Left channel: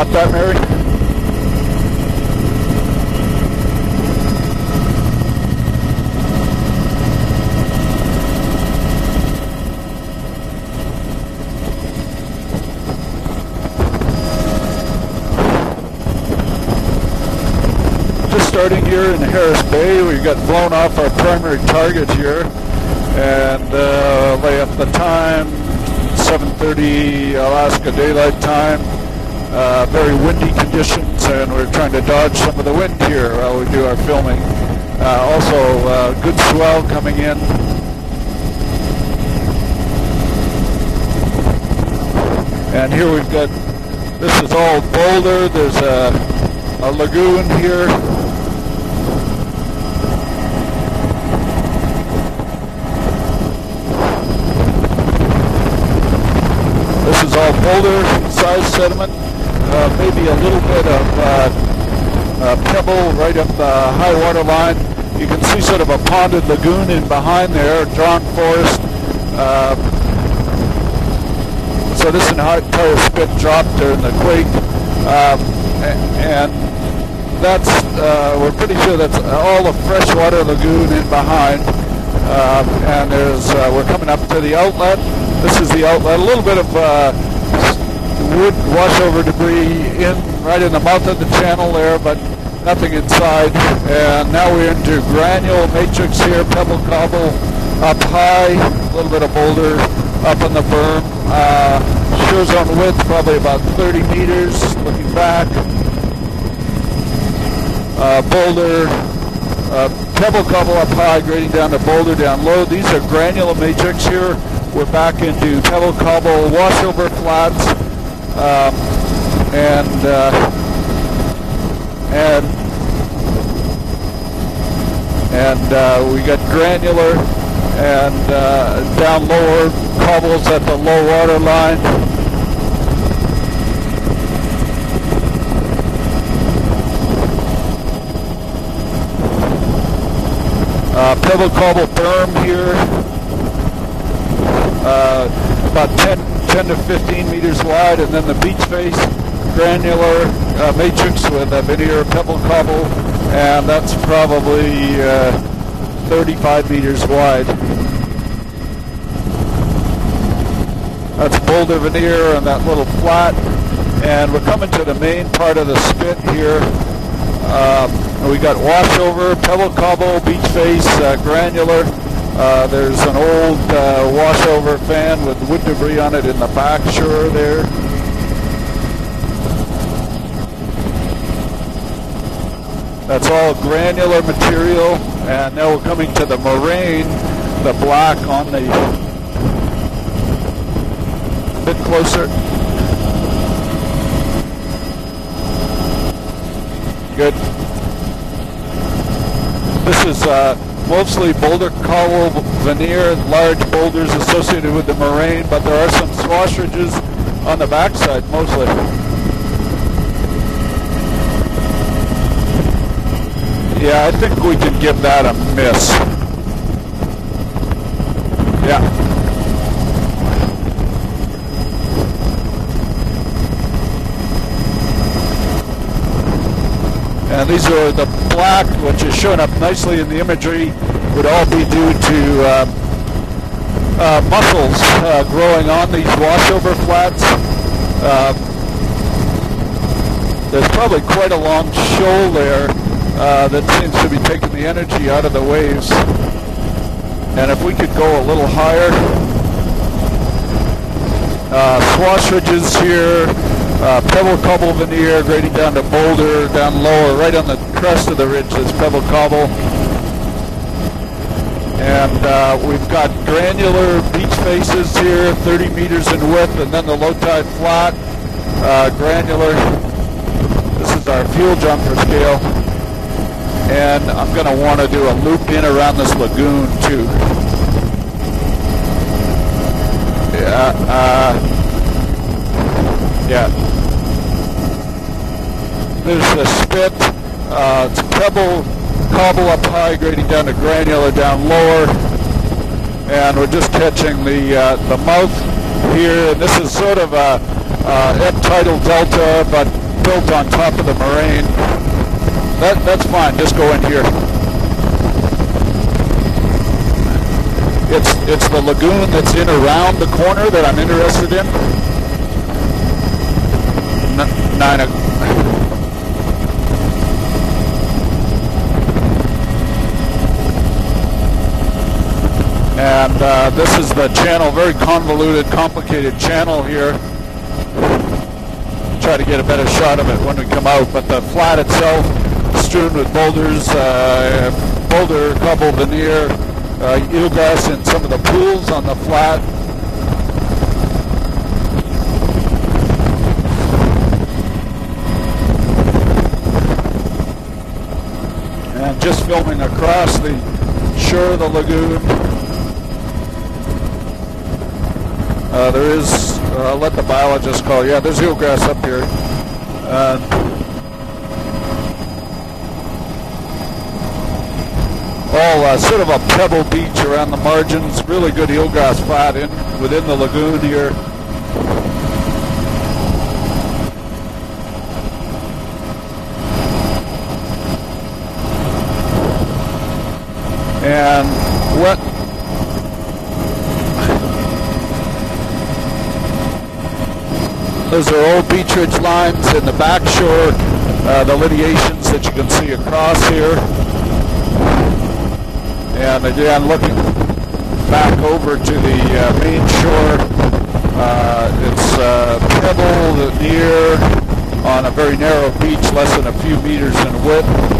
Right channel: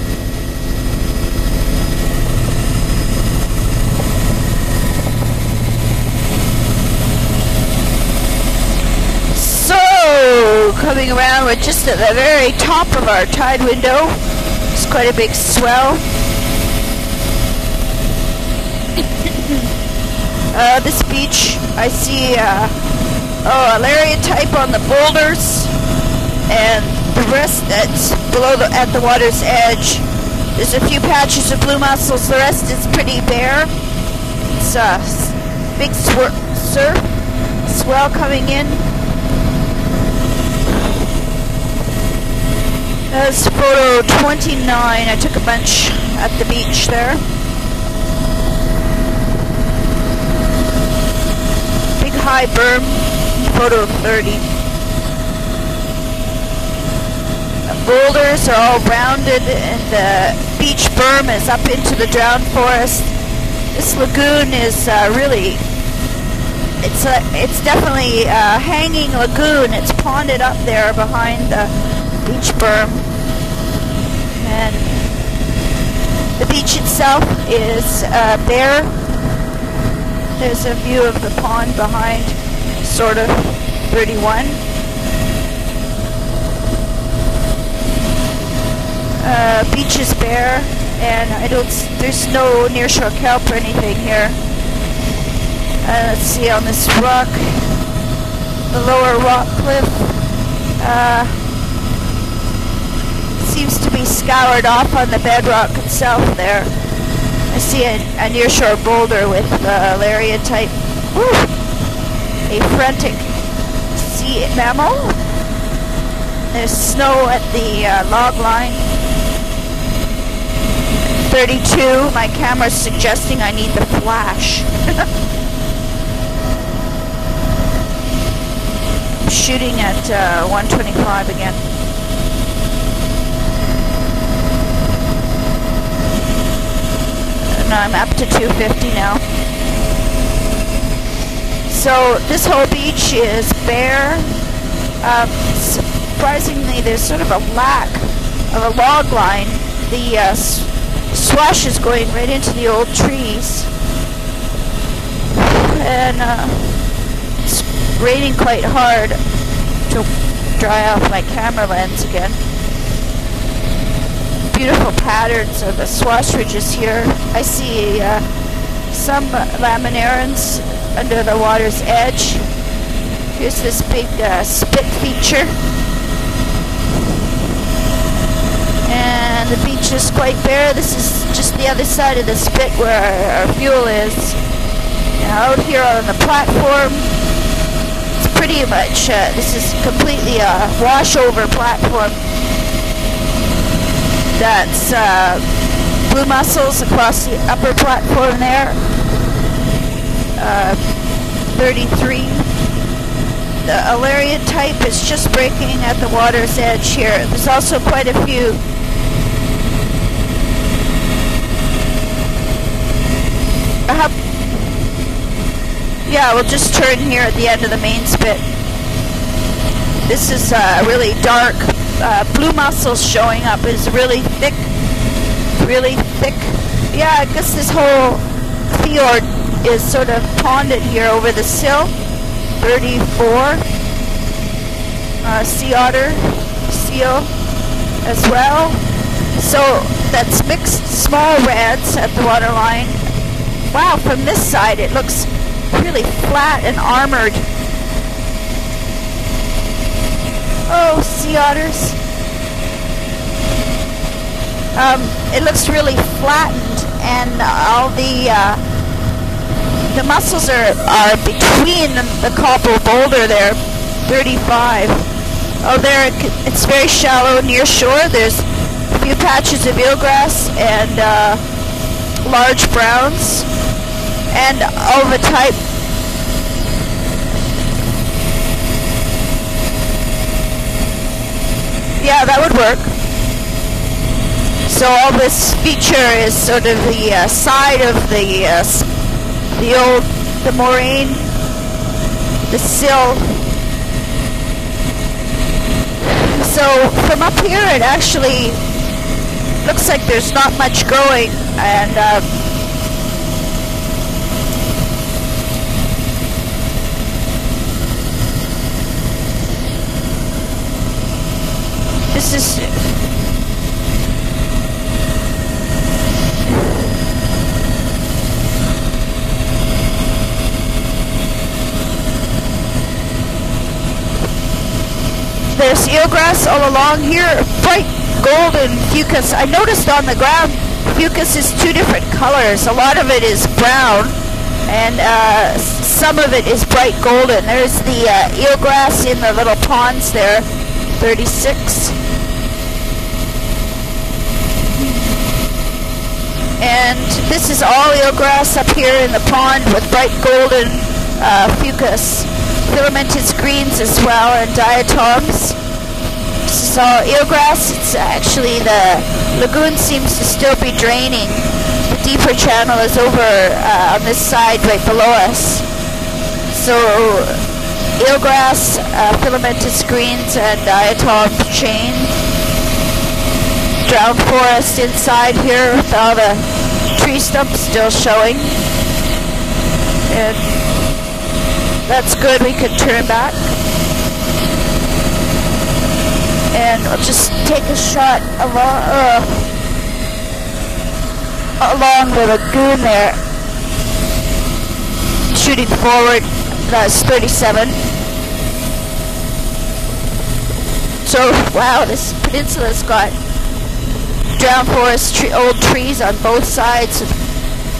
Got that, Mary? So, coming around, we're just at the very top of our tide window. It's quite a big swell. Just starting here in Harris Bay, we got blown off our primary target here. A Lariat type on the boulders. 7:30 Alaska Daylight Time. At the water's edge. Very windy There's a few patches of blue mussels. The rest is pretty bare. We do our filming. It's also big good swell coming in. Swell coming in. And here we've That's got photo 29. I took a bunch at the beach a there. lagoon here. Big high berm. Photo 30. This is all boulders. Boulders are all rounded, and the beach berm is up into the drown forest. Right up the this lagoon is really... You see sort of a ponded lagoon is behind there. It's definitely a hanging lagoon. It's ponded up there behind the So this is an hard spit drop there in the quake. And the beach itself is we're there. pretty sure that's all the freshwater lagoon is behind. Sort of we're coming up to the outlet. This is the outlet. A little bit of wood washover debris right in the mouth of the channel there, but no nothing inside. And now we're into granule matrix here, pebble cobble up high, the lower boulder, up on the berm. Sure zone width probably about 30 meters. Seems to be scoured off on the bedrock itself there. I see a nearshore boulder with Lariat pebble cobble up high, going down the boulder down low. These are granule matrix here. We're back into pebble cobble washover flats. The log line. And 32. My camera's suggesting I need the flash. And we got granular and down lower cobbles at the low water line. I'm up to 250 now. Pebble cobble. So this whole beach is bare. About 10 to 15 meters wide, and then the beach log line, granular matrix. Slush is going right into the old trees. And that's probably 35 meters wide. It's raining quite hard to dry off my camera boulder lens. Veneer and that little flat. And we're coming to the main part of the slush here. I see we got washover, pebble cobble, beach face, granular. Edge. There's an old washover fan with wood debris on it in the back shore there. And the beach is quite bare. This is just the other side of the spit where that's our all fuel granular is. material. Out here on the platform. The black. Pretty much. This is completely a washover platform. That's blue mussels across the upper platform there. This is mostly boulder cobble veneer, large boulders associated with the moraine, just breaking at the water's edge here. There's also quite a few. Yeah, I think we can give that a miss. Yeah, we'll just turn here at the end of the main spit. Yeah. This is really dark. Blue mussels showing up. It's really thick. Really thick. Yeah, I guess this whole black fjord showing up nicely is sort in the of imagery. ponded here over the sill. 34. Mussels growing on these washover flats. As well. So that's mixed skull reds at the waterline. Wow, from this side it looks out of the waves. really flat and armored. And if we could go a little higher. Oh, sea otters. Squash ridges here. Pebble cobble veneer going down really the boulder, down lower, right on the crest of the ridge is pebble cobble. The mussels are between the cobble boulder there. 35. Here, 30 meters in width. It's very shallow near shore. There's a few patches of eelgrass and large browns. And I'm going to want to do a loop in around this lagoon too. Yeah, that would work. Yeah. So all this feature is sort of the side of the cobble up the old down the moraine down lower. the sill. And we're just catching the mouth here. This So is sort of from up here, it actually tidal delta, but looks like there's goes on not top much of the growing, plain. and That's fine. Just go in here. It's the lagoon that's in around the corner that I'm interested in. this is And this is the channel, very convoluted. there's eelgrass all along here, bright golden fucus. I noticed on the ground, fucus is two different colors. A lot of it is brown, and some of it is bright golden. There's the eelgrass in the little ponds there, 36. And this is all eelgrass up here in the pond with bright golden fucus. Filamentous greens as well, and diatoms. There is So eelgrass, actually the lagoon seems to still be draining. The deeper channel is over on this side right below us. All sort of a pebble beach around the margins. Eelgrass, filamentous greens, and diatom chain. Drowned forest inside here with all the tree stumps still showing. And that's good, we can turn back. And I'll just take a shot. Those are old beachage lines in the back shore, the lineations that you can see across here. Shooting forward, that's 37. Back over to the main shore. So, wow, into the sky. Drowned forest, old trees on both sides.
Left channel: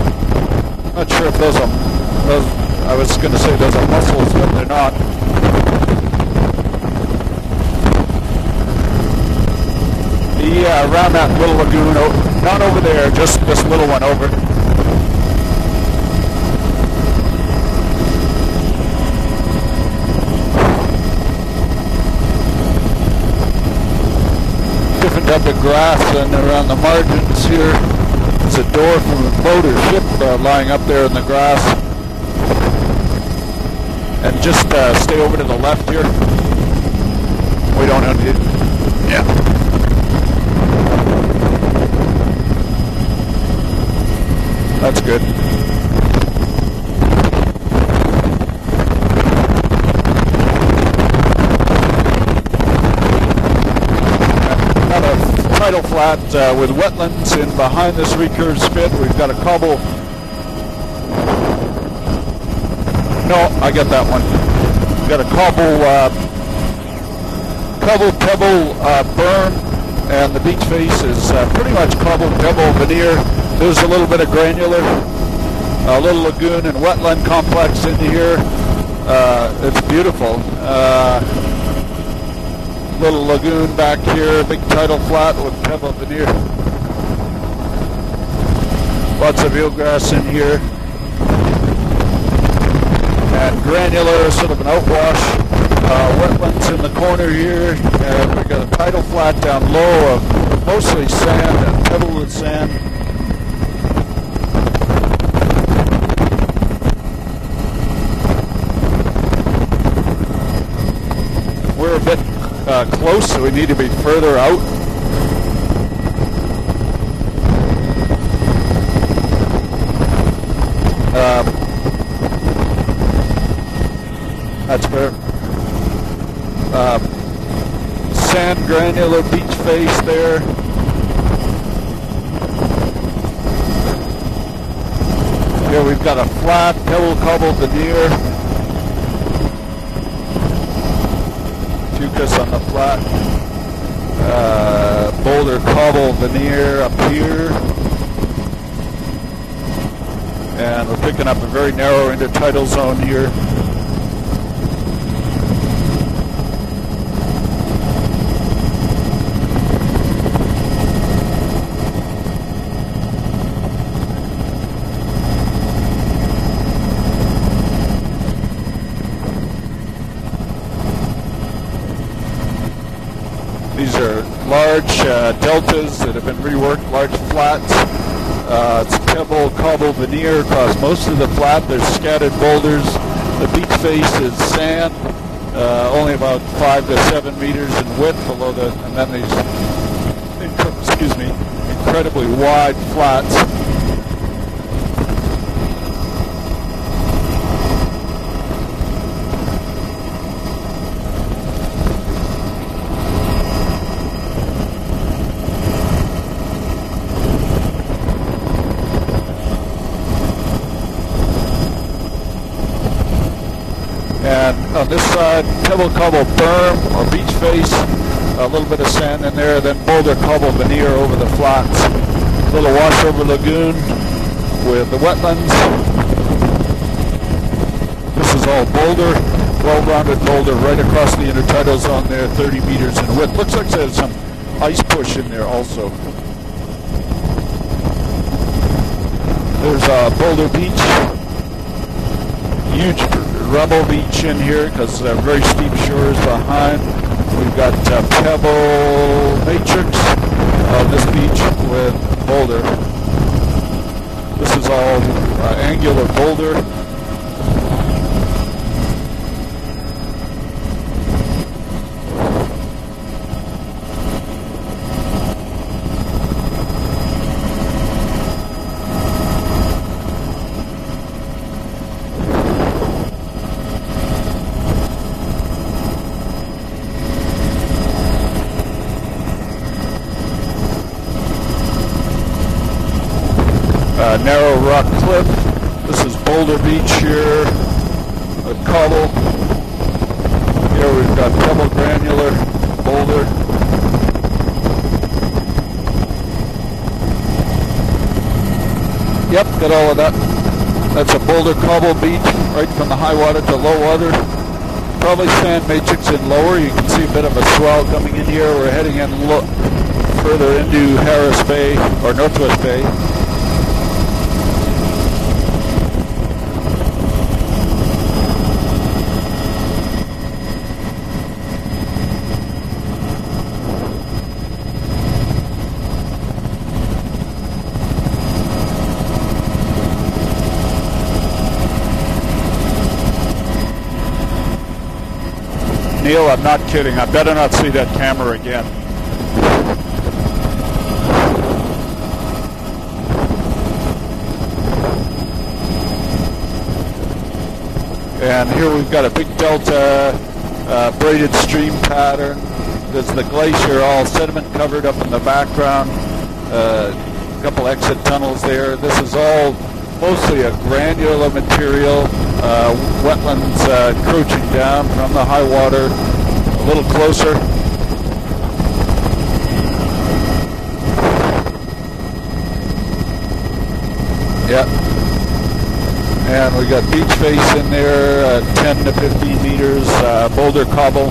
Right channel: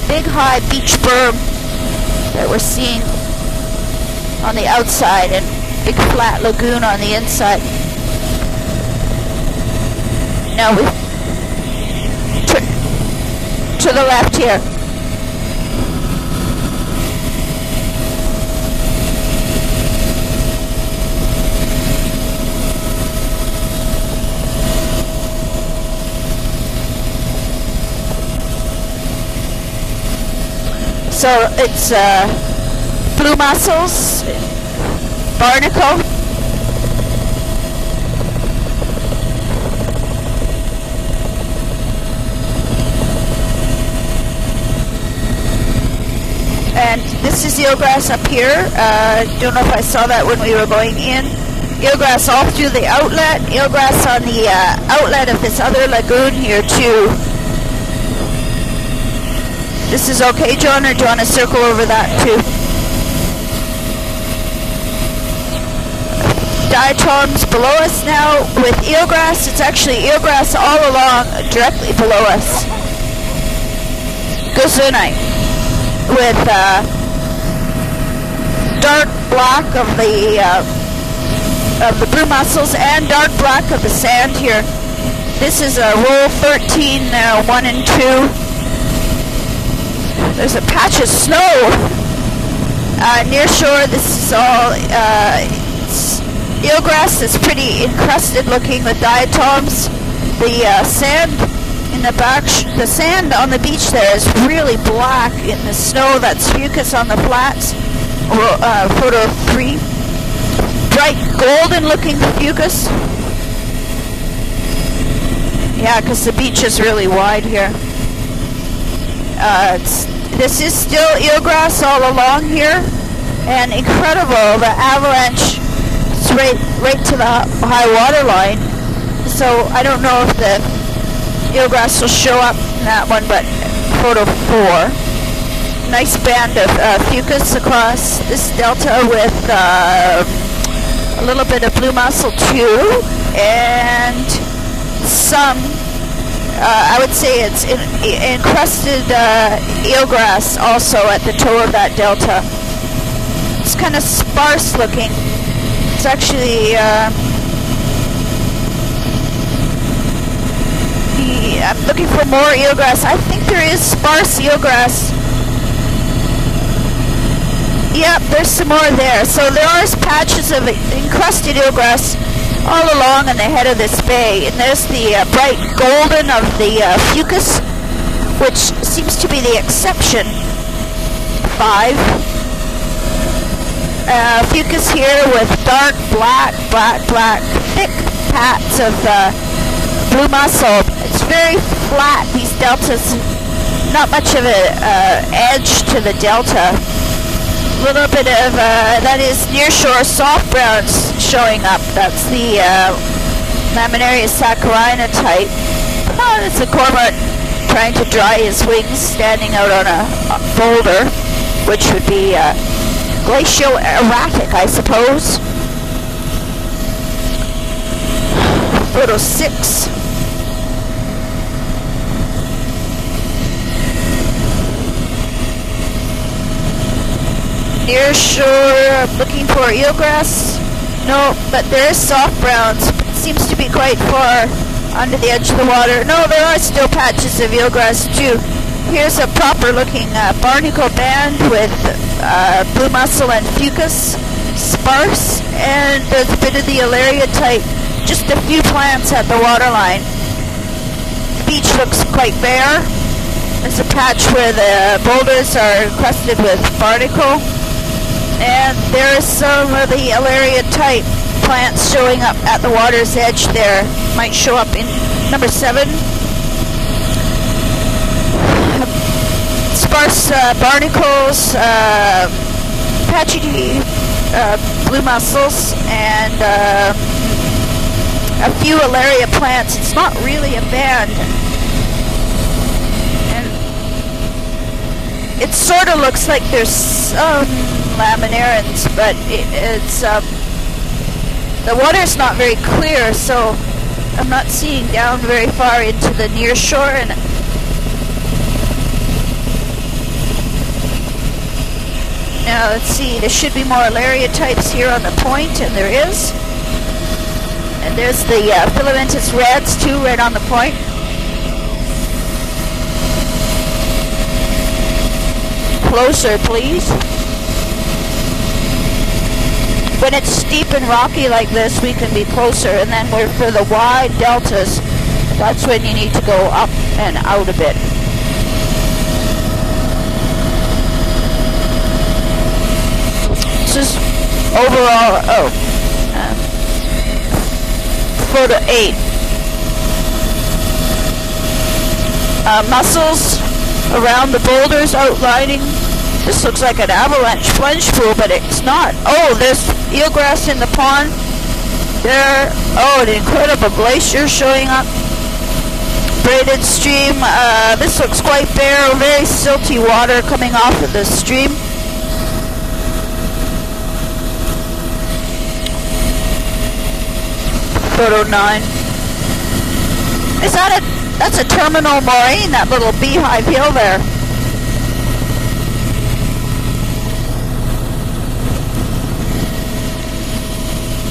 Big high beach berm. That we're seeing I was going to say there's a mussel on the outside and a big flat lagoon on the inside. Around that little lagoon, not over there, just this little one. To the left here. Different up the grass and around the margins here. There's a door from a boat or ship lying up there in the grass. So it's blue mussels. And just stay over to barnacle. the left here. We don't have to. Yeah. That's good. And this is eelgrass up here. Don't know if I saw that when we were going in. Eelgrass all through the outlet. Eelgrass on the outlet of this other lagoon here too. And behind this recurve spit, we've got a cobble. This is okay, John, or do you want to circle over that too? No, I got that one. Got a cobble. Diatoms below us now with eelgrass. It's actually eelgrass all along, directly below us. Veneer. There's a little bit of granular. Gozunite. A little bit of wetland complex in here. Dark black of the blue mussels and dark black of the sand here. This is a roll 13, 1 and 2. Lots of eelgrass in here. There's a patch of snow near shore. This is all eelgrass is pretty encrusted looking. The diatoms, the sand in the back, the sand on the beach there is really black in the snow. That's fucus on the flats. Photo 3. Bright golden looking fucus. Close, so we need to be further out. Yeah, because the beach is really wide here. This is still eelgrass all along here, and incredible. The avalanche is right to the high water line. So I don't know if the eelgrass will show up in that one, but photo 4. Nice band of fucus across this delta with a little bit of blue mussel too, and some, I would say it's encrusted eelgrass also at the toe of that delta. It's kind of sparse looking. It's actually, I'm looking for more eelgrass. I think there is sparse eelgrass. Yep, there's some more there. So there are patches of encrusted eelgrass all along in the head of this bay. And there's the bright golden of the fucus, which seems to be the exception. Most of the flat scattered boulders. The beach face fucus here with dark black, thick pads of blue mussel. It's very flat, these deltas. Not much of an edge to the delta. A little bit of, that is nearshore soft browns showing up. That's the Laminaria saccharina type. Oh, it's a cormorant trying to dry his wings, standing out on a boulder, which would be glacial erratic, I suppose. Pebble cobble berm or beach face. A little bit of sand in there, then boulder cobble veneer over the flats. A little washover lagoon with the wetlands. Near shore, looking for eelgrass. No, but there is soft browns. Seems to be quite far under the edge of the water. No, there are still patches of eelgrass too. Here's a proper looking barnacle band with blue mussel and fucus, sparse, and a bit of the Alaria type. Just a few plants at the waterline. Beach looks quite bare. There's a patch where the boulders are encrusted with barnacle. And there is some of the Alaria type plants showing up at the water's edge there. Might show up in number 7. Sparse barnacles, patchy blue mussels, and a few Alaria plants. It's not really a band. Narrow rock cliff. It sort of looks like there's some laminarans, but it's the water's not very clear, so I'm not seeing down very far into the near shore. And yep, got all of that. That's a boulder cobble beach. Now let's see, there should be more Alaria types here on the point, and there is. Lower, you can see a bit of a swell. And there's the filamentous reds too, right on the point. Into Harris Bay or Northwest Bay. Closer, please. When it's steep and rocky like this, we can be closer, and then for the wide deltas, that's when you need to go up and out a bit. This is overall, oh. Neil, I'm not kidding. I better not see that camera. Photo 8. Mussels around the boulders outlining. This looks like an avalanche plunge pool, but it's not. Oh, there's eelgrass in the pond. Braided stream there. Oh, an incredible glacier showing up. In the background. Braided stream. This looks quite bare. Very silty water coming off of the stream. Wetlands encroaching down from the high water. A little closer. Photo 9. Is that a? That's a terminal moraine. That little beehive hill there. Yeah. And we got beach face in there, 10 to 15 meters, boulder cobble.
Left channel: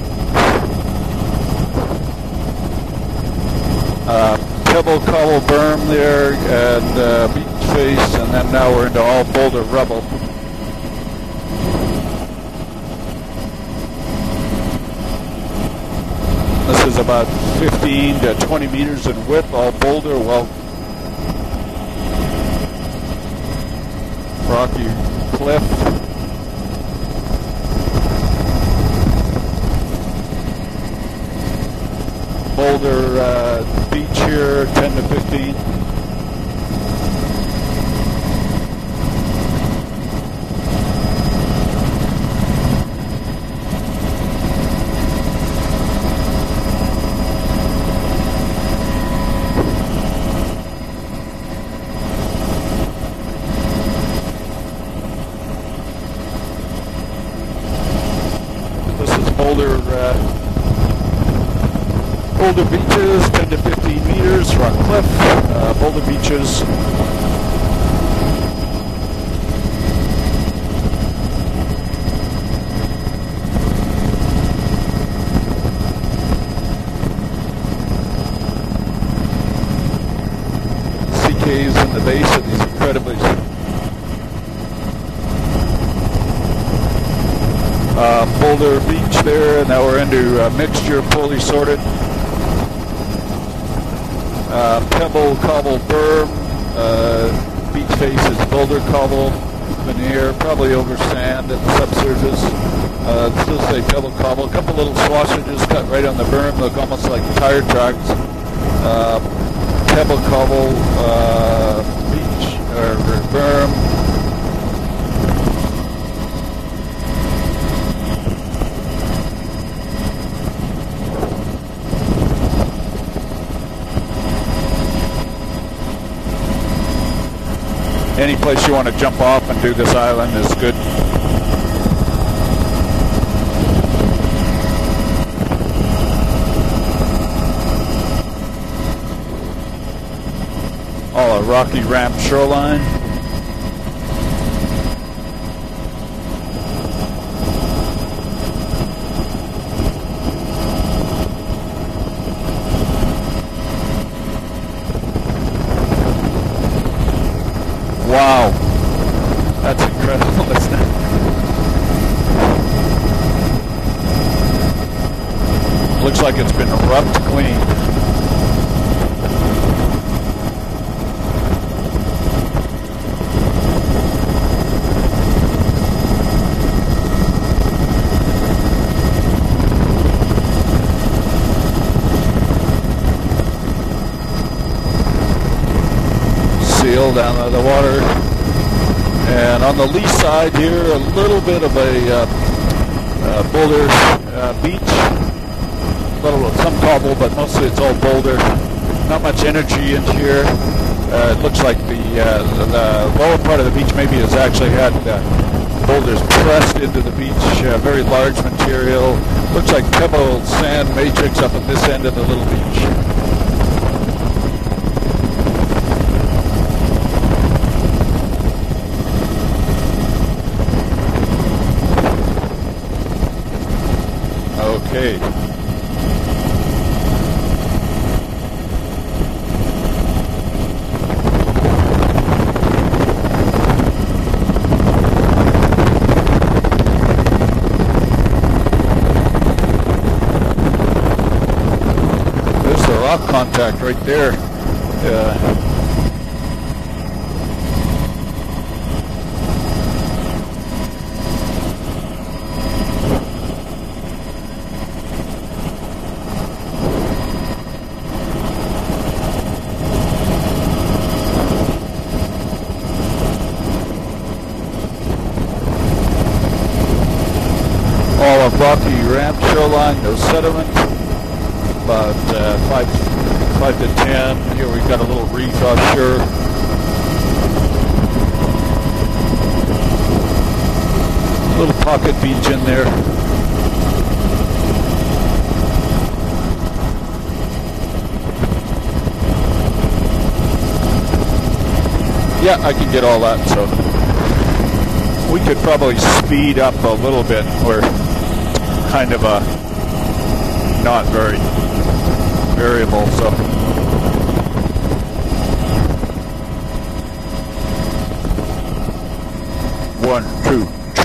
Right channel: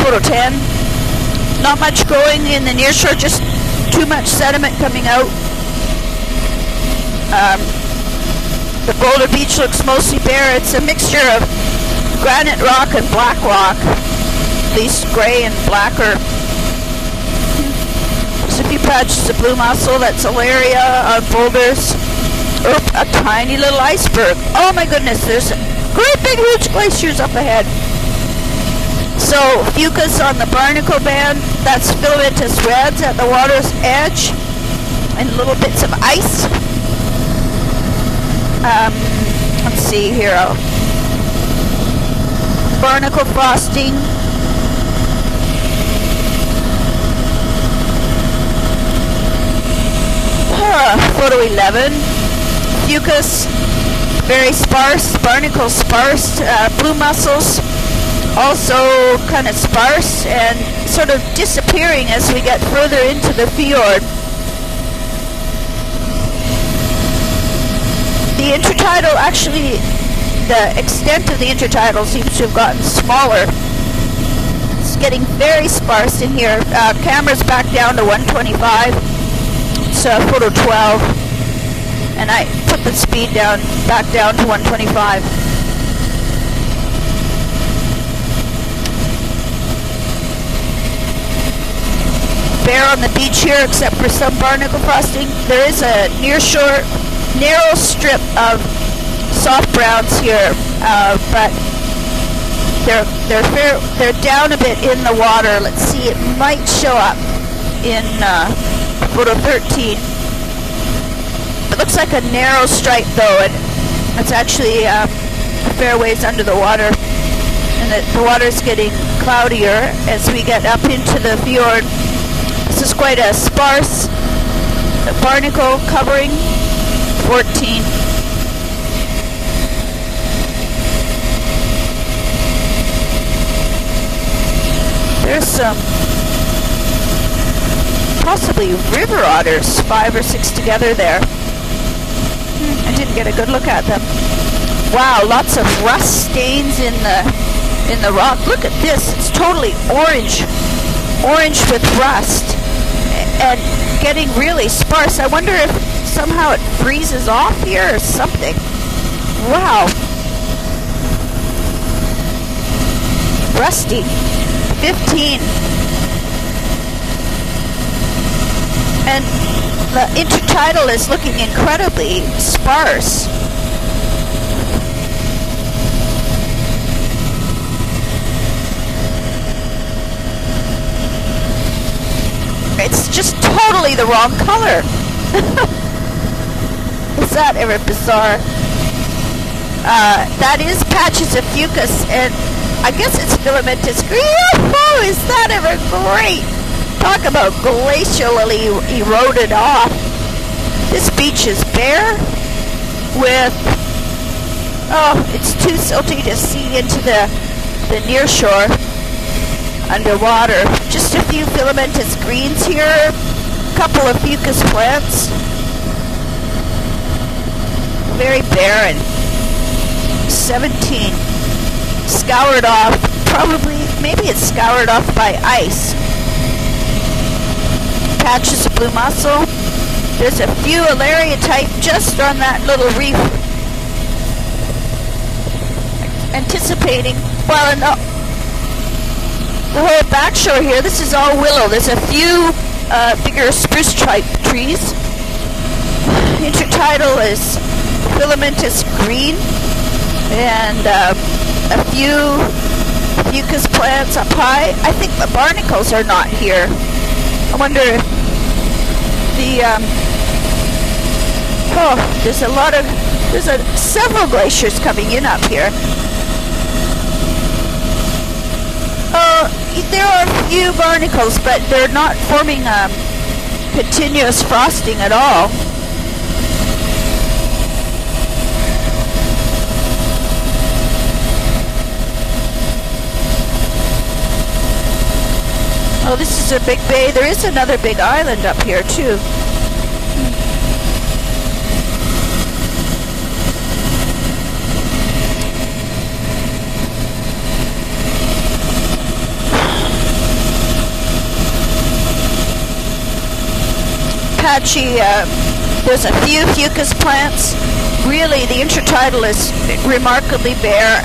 Photo 10. Not much growing in the nearshore, just too much sediment coming out. Berm there, and beach face, and then now we're into the boulder beach looks rubble. Mostly bare. It's a mixture of granite rock and black rock, at least gray and blacker. This is about 15 to 20 Some few patches of blue mussel, that's Alaria on boulders. Oop, a tiny little iceberg. Oh my goodness, there's great big huge glaciers up ahead. So, fucus on the barnacle band, that's filamentous reds at the water's edge, and little bits of ice. Let's see here. Barnacle frosting. Photo 11. Fucus, very sparse, barnacle sparse, blue mussels also kind of sparse and sort of disappearing as we get further into the fjord. Boulder beaches. The intertidal, actually, the extent of the intertidal seems to have gotten smaller. It's getting very sparse in here. Camera's back down to 125. Photo 12, and I put the speed back down to 125. Boulder Beach there, now we're into mixture, fully sorted. bare on the beach here except for some barnacle frosting. There is a nearshore narrow strip of soft browns here, but they're down a bit in the water. Let's see, it might show up in photo 13. It looks like a narrow stripe though, and it's actually a fair ways under the water. The water's getting cloudier as we get up into the fjord. This is quite a sparse barnacle covering. 14. Any place you want to jump off and do this island is good. There's some possibly river otters, 5 or 6 together there. Oh, a rocky ramp shoreline. I didn't get a good look at them. Wow, lots of rust stains in the rock. Look at this, it's totally orange with rust and getting really sparse. I wonder if somehow it freezes off here or something. Wow. Rusty. 15. Looks like it's been rubbed clean. And the intertidal is looking incredibly sparse. It's just totally the wrong color. Seal down Is that the water. bizarre? And on the lee side that is here, patches of fucus, and I guess it's filamentous. Oh, is that ever great? Talk about glacially eroded off. This beach is bare. The part of the beach maybe has actually had. Oh, it's too silty to see into the near shore. Looks like underwater. Just a few filamentous greens here. A couple of fucus plants. Very barren. 17. Scoured off. Probably, maybe it's scoured off by ice. Patches of blue mussel. There's a few Alaria type just on that little reef. Anticipating, well enough. The whole back shore here, this is all willow. There's a few bigger spruce type trees. Intertidal is filamentous green. And a few fucus plants up high. I think the barnacles are not here. I wonder if there's several glaciers coming in up here. All of rocky shoreline. There are a few barnacles, but they're not forming a continuous frosting at all. Little pocket beach in there. Oh, this is a big bay. There is another big island up here too. Yeah, I can get all that, so we could probably speed up a little bit. We're kind of not very variable, so. Patchy, there's a few fucus plants. Really, the intertidal is remarkably bare.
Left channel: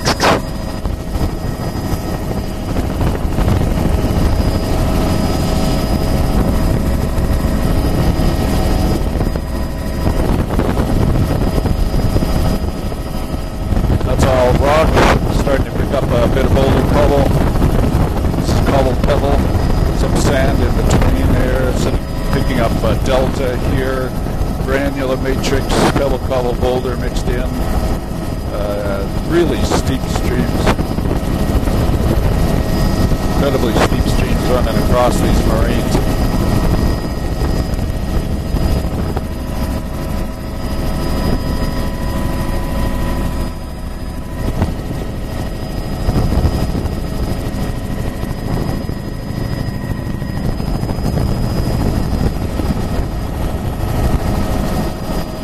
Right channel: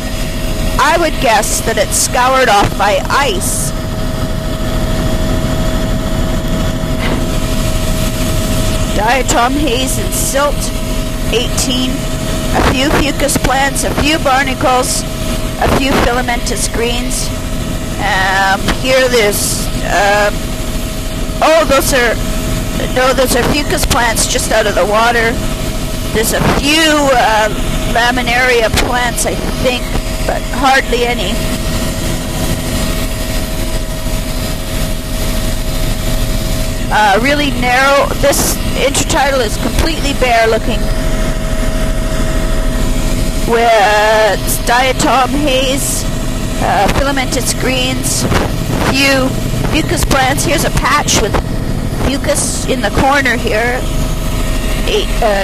I would guess that it's scoured off by ice. Diatom haze and silt, 18. A few fucus plants, a few barnacles, a few filamentous greens. Here there's, those are fucus plants just out of the water. There's a few laminaria plants, I think, but hardly any. Incredibly steep streams running across these moraines. Really narrow. This intertidal is completely bare looking. With diatom haze, filamentous greens, few fucus plants. Here's a patch with fucus in the corner here.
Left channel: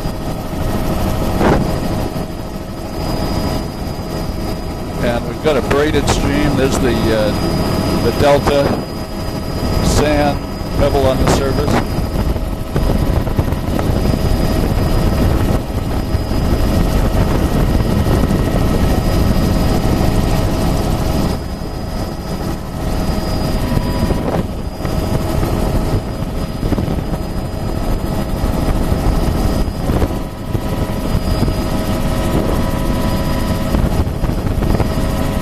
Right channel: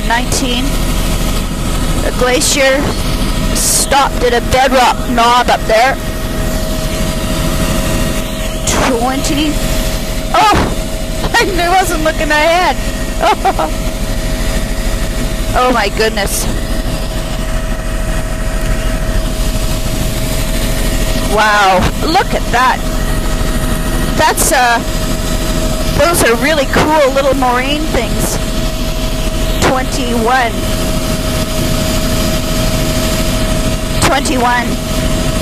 19. The glacier stopped at a bedrock knob up there. There's the delta. 20. Sand, pebble on the surface. I wasn't looking ahead. Oh my goodness. Wow, look at that. That's Those are really cool little moraine things. 21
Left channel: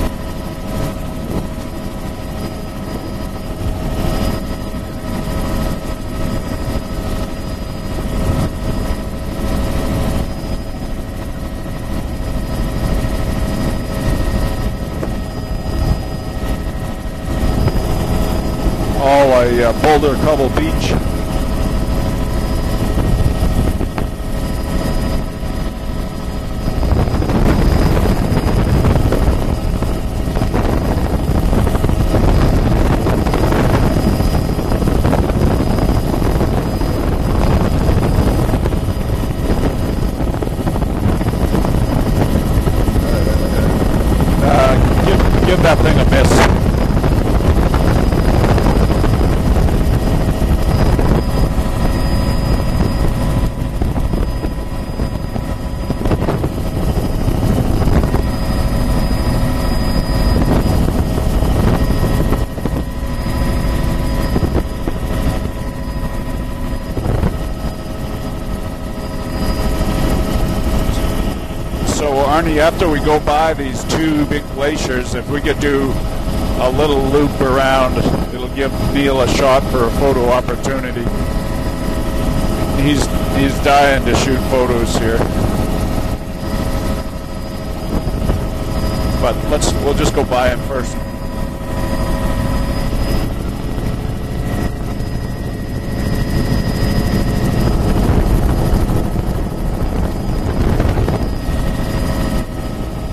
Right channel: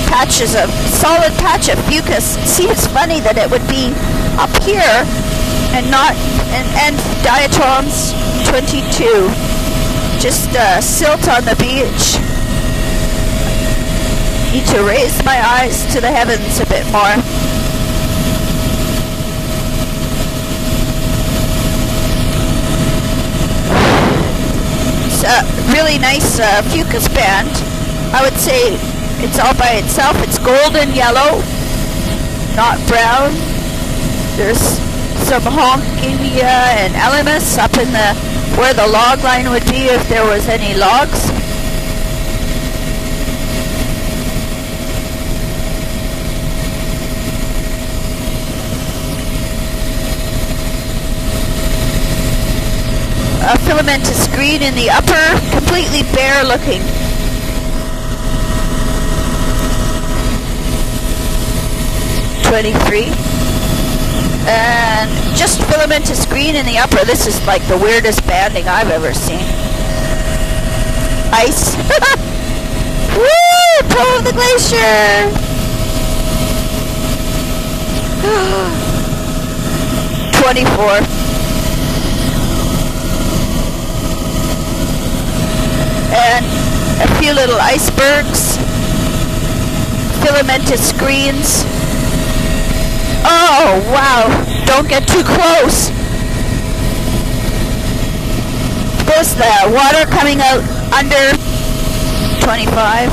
patches of, solid patch of fucus. It seems funny that it would be up here and not, and diatoms 22. Just silt on the beach. Need to raise my eyes to the heavens a bit more. Oh, a Boulder Cobble Beach. It's a really nice fucus band. I would say it's all by itself. It's golden yellow, not brown. There's some Honkinia and Elymus up in the where the log line would be if there was any logs. Give that thing a miss. A filamentous green in the upper, completely bare looking. And just filamentous green in the upper. This is like the weirdest banding I've ever seen. Ice. So, Arnie, after we go by these the glacier, we could do a little loop around, give Neil a shot for a photo. 24. He's dying to shoot photos here. And a few little icebergs. But we'll just go filamentous greens. Oh, wow. Don't get too close. There's the water coming out under 25.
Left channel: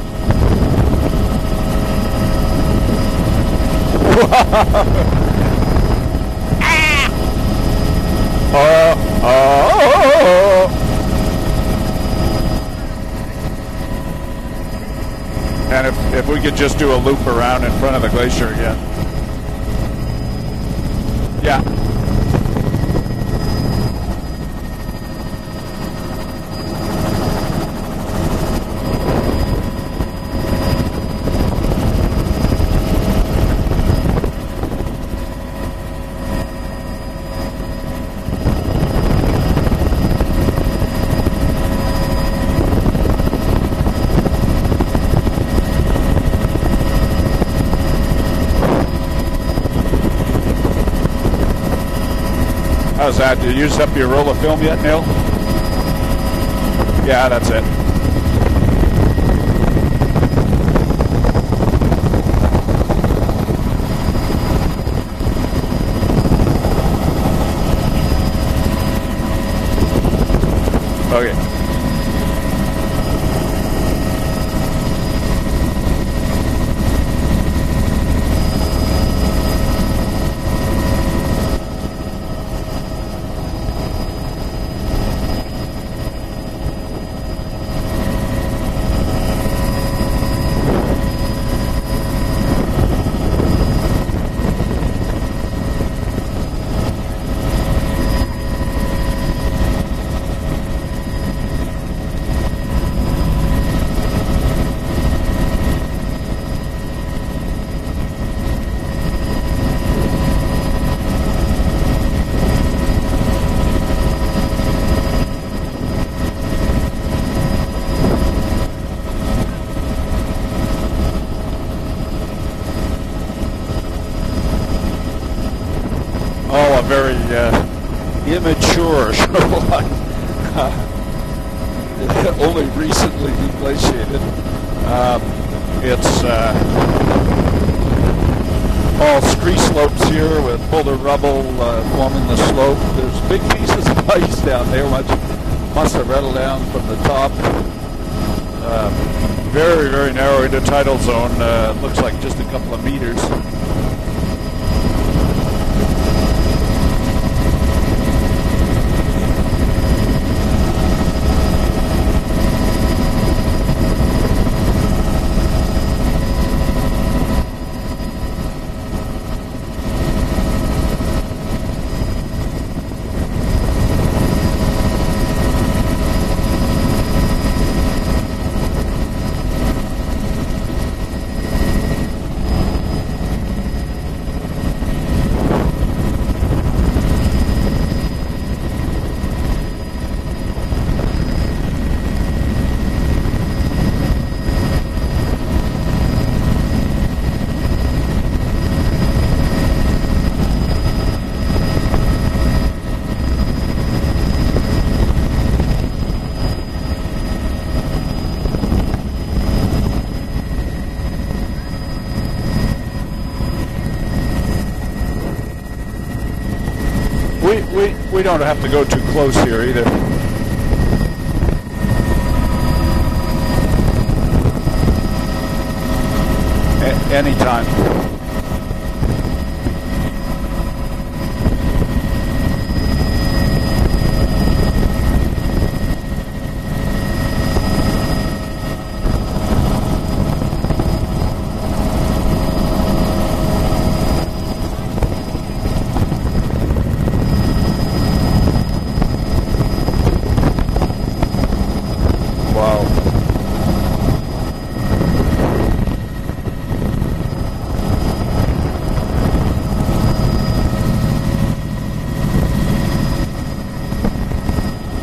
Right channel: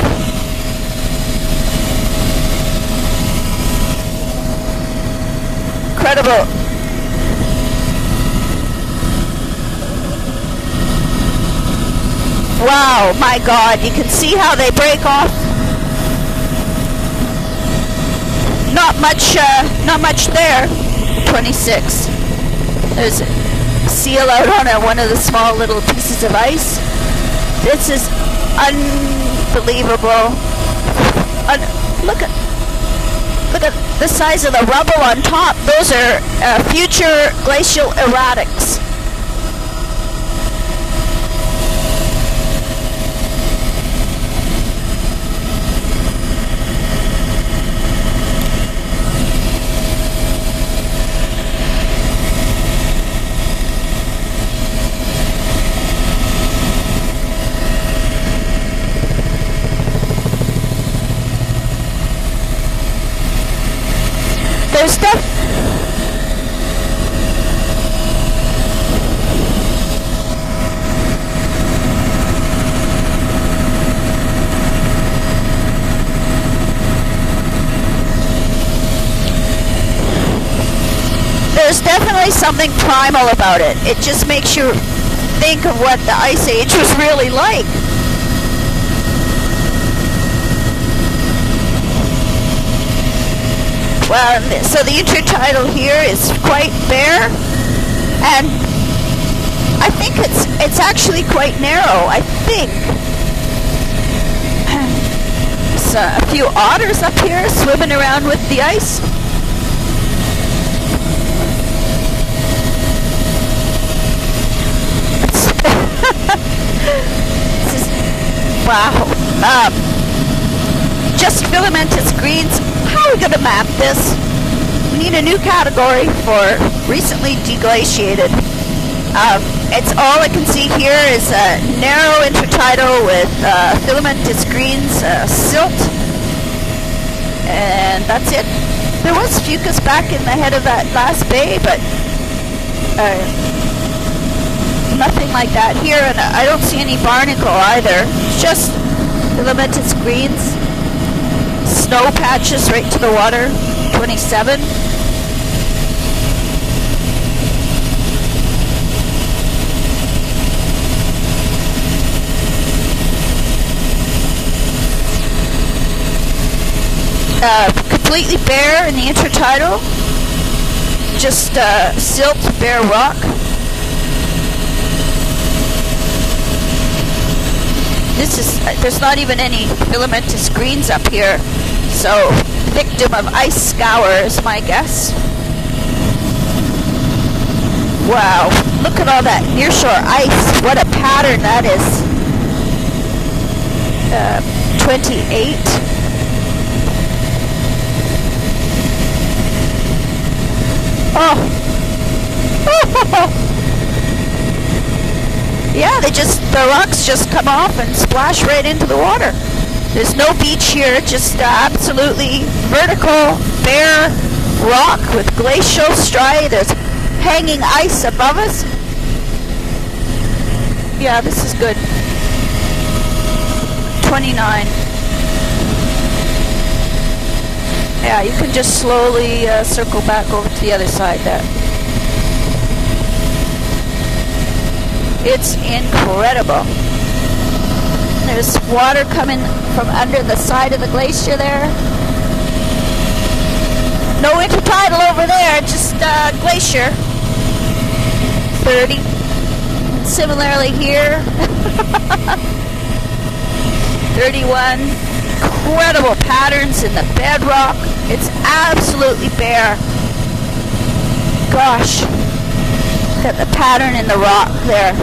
Incredible. Wow, my God. You can see how they break off. And if we could just do a loop around in front of the glacier again. Not much there. 26. Yeah. There's a seal out on one of the small little pieces of ice. This is unbelievable. Look at the size of the rubble on top. Those are future glacial erratics. How's that? Did you use up your roll of film yet, Neil? Yeah, that's it. There's stuff. Okay. There's definitely something primal about it. It just makes you think of what the Ice Age was really like. Well, so the intertidal here is quite bare, and I think it's actually quite narrow. I think there's a few otters up here swimming around with the ice. Wow. Just filamentous greens. How are we going to map this? We need a new category for recently deglaciated. Immature. It's all I can see here is a narrow intertidal with filamentous greens, silt, and that's it. There was fucus back in the head of that last bay, but nothing like that here, and I don't see any barnacle either. It's just filamentous greens, snow patches right to the water, 27. Completely bare in the intertidal, just silt, bare rock. There's not even any filamentous greens up here, so victim of ice scour is my guess. Wow, look at all that nearshore ice. What a pattern that is. 28. Oh. Yeah, the rocks just come off and splash right into the water. There's no beach here, just absolutely vertical, bare rock with glacial striae. There's hanging ice above us. We don't have to go too close here either. Yeah, this is good. 29. Anytime. Yeah, you can just slowly circle back over to the other side there. It's incredible. There's water coming from under the side of the glacier there. No intertidal over there, just glacier. 30. Similarly here. Wow. 31. Incredible patterns in the bedrock. It's absolutely bare. Gosh. Look at the pattern in the rock there.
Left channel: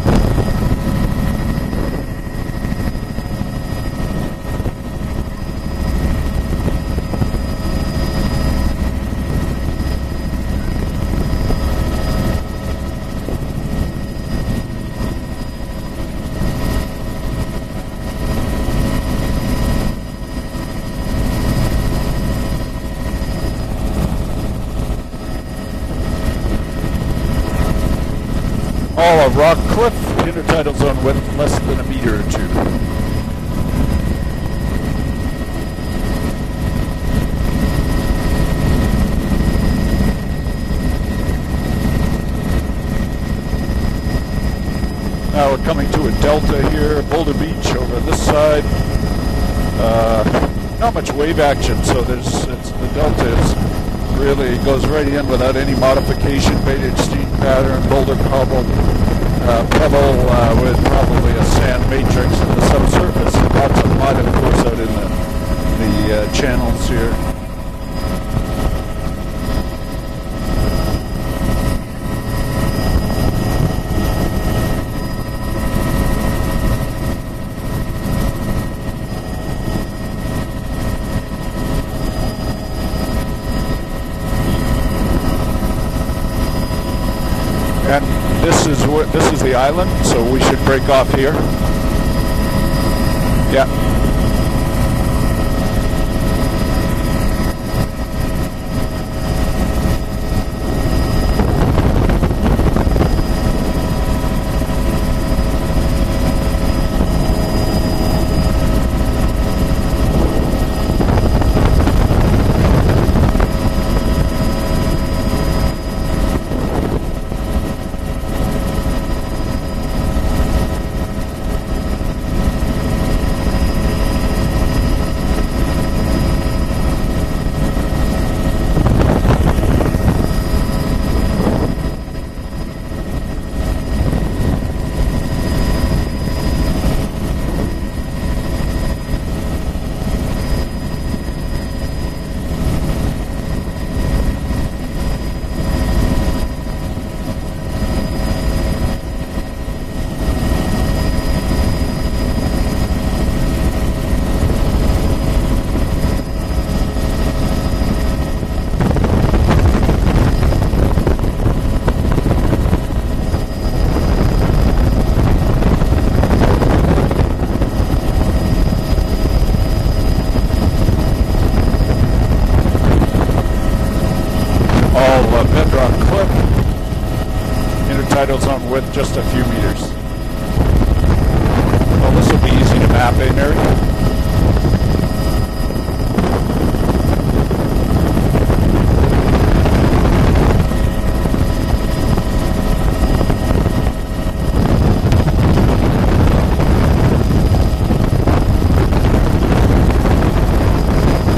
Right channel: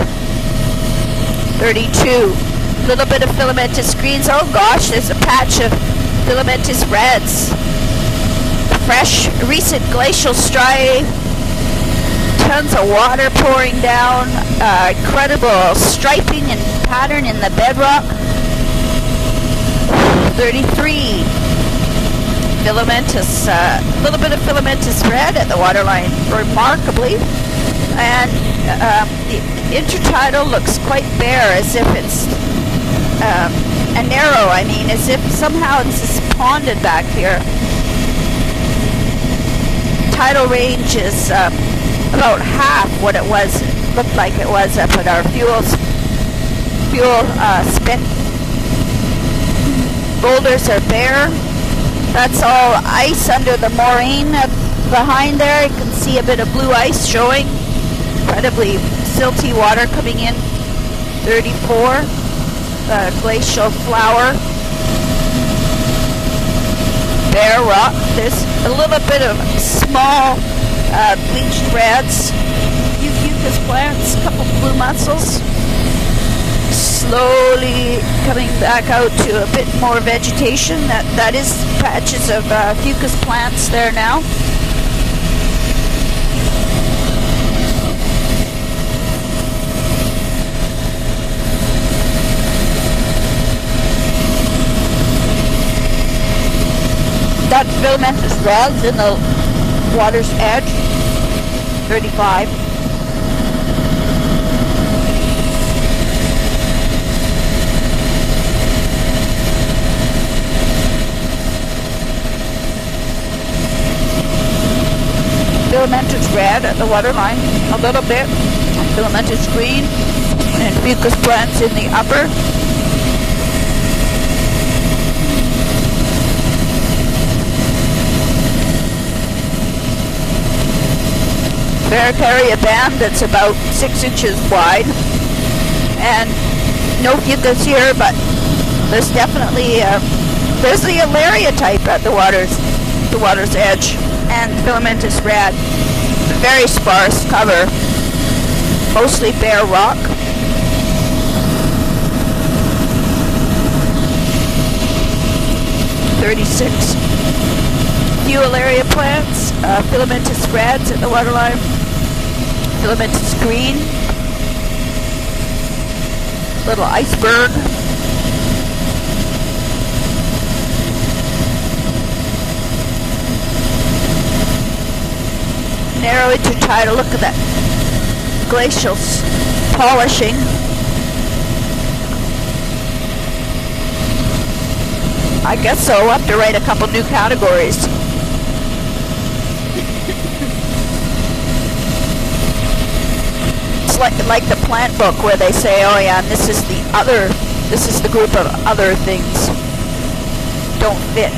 32. Little bit of filamentous greens. Oh gosh, there's a patch of filamentous reds. Fresh, recent glacial striae. Tons of water pouring down. Incredible striping and pattern in the bedrock. 33. Filamentous, little bit of filamentous red at the waterline, remarkably. And intertidal looks quite bare, as if it's and narrow. I mean, as if somehow it's just ponded back here. Tidal range is about half what it was. Looked like it was up at our fuel. Coming to a delta here. Fuel spit. This side. Boulders are bare. That's all ice under the moraine behind there. You can see a bit of blue ice showing. Incredibly silty water coming in. 34. Glacial flower. Bare rock. There's a little bit of small bleached reds. A few fucus plants. A couple blue mussels. Slowly coming back out to a bit more vegetation. That is patches of fucus plants there now. And this is the island, so we should break off here. Yeah. That filamentous reds in the water's edge. 35. Filamentous red at the waterline, a little bit. Filamentous green and fucus plants in the upper. Barataria band that's about 6 inches wide, and no fucus here, but there's definitely there's the Alaria type at the water's edge. And filamentous red. Very sparse cover. Mostly bare rock. Few Alaria plants. Filamentous reds at the waterline. Filamentous green. Little iceberg. Narrow intertidal. Look at that. Glacial polishing. Well, this will be easy to map, eh, Mary? I guess so. We'll have to write a couple new categories. It's like the plant book where they say, oh yeah, this is the group of other things. Don't fit.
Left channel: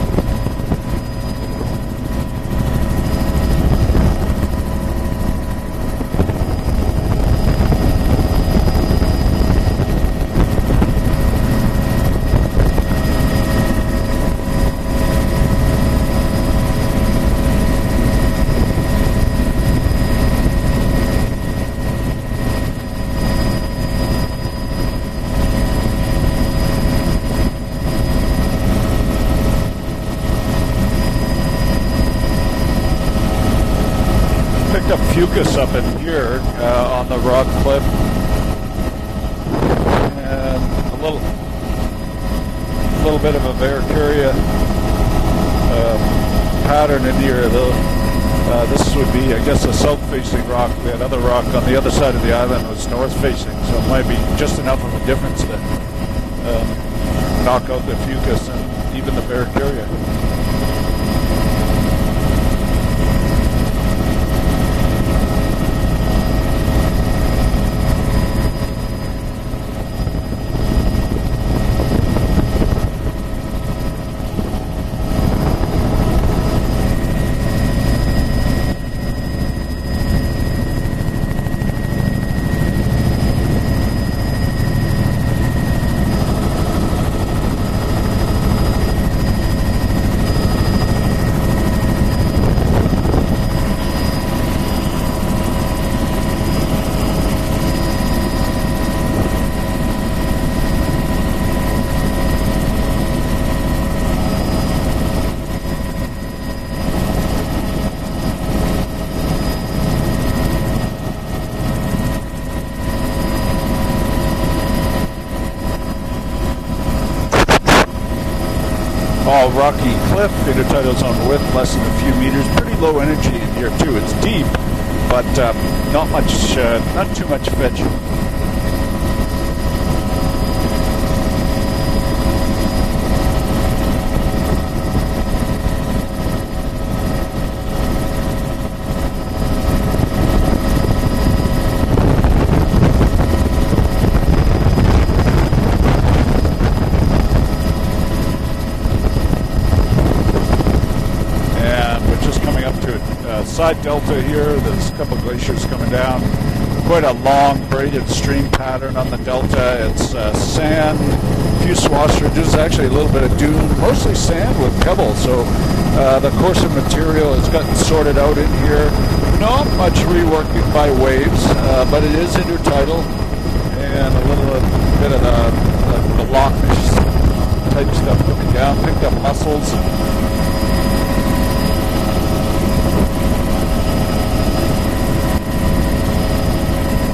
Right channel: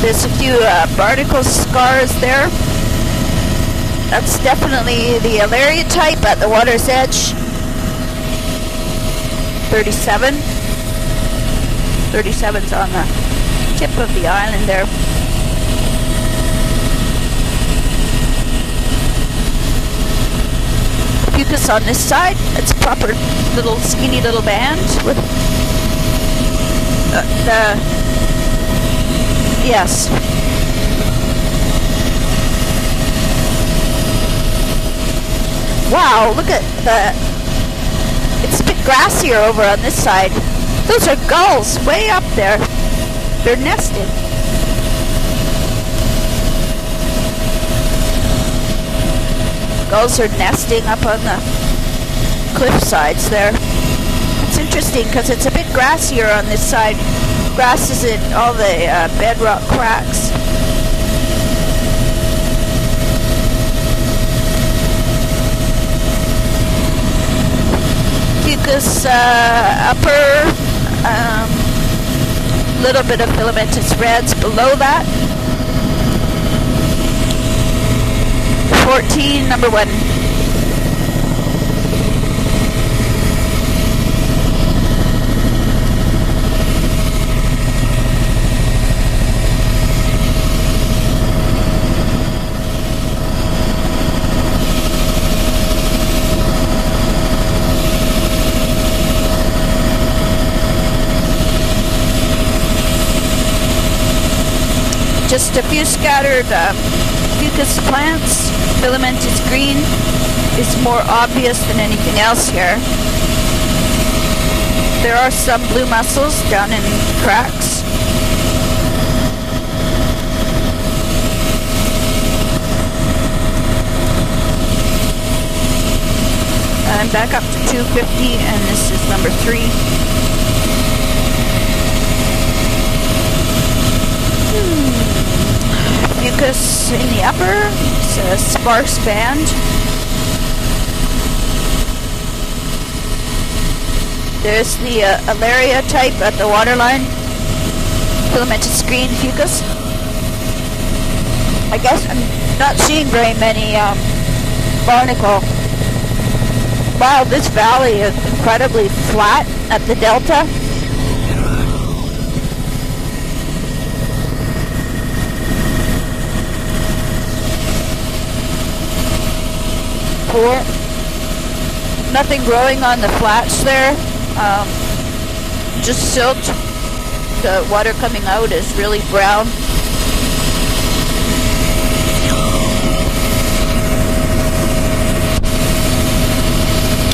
There's a few barnacle scars there. That's definitely the Alaria type at the water's edge. 37. 37's on the tip of the island there. fucus on this side. It's a proper little skinny little band with yes. Picked up fucus up in Wow, here, look at on the rock cliff. It's a bit grassier over on this side. Those are gulls way up there. A little bit of They're a nesting. pattern in here, though. This would be, I guess, a Gulls are nesting up on rock on the other side of the island. cliff sides there. It's interesting because it's a bit grassier on this side. Grass is in all the bedrock cracks. Fucus upper, little bit of filamentous reds below that. 14, number 1. Just a few scattered fucus plants. Filamentous green is more obvious than anything else here. There are some blue mussels down in cracks. All rocky cliff, intertidals on the lip, less than a few meters, pretty low energy here too. It's deep, but not much. I'm back up to 250, and this is number 3. Fucus in the upper, it's a sparse band. There's the Alaria type at the waterline, filamentous green fucus. I guess I'm not seeing very many barnacle. Wow, this valley is incredibly flat at the delta. Sand, a few swaths. There's actually a little bit of dune, mostly sand with pebbles. So the coarser material has gotten sorted out in here. Not much reworked by waves, but it nothing is growing on the flats there. Bit of a Just silt. The water coming out is really brown.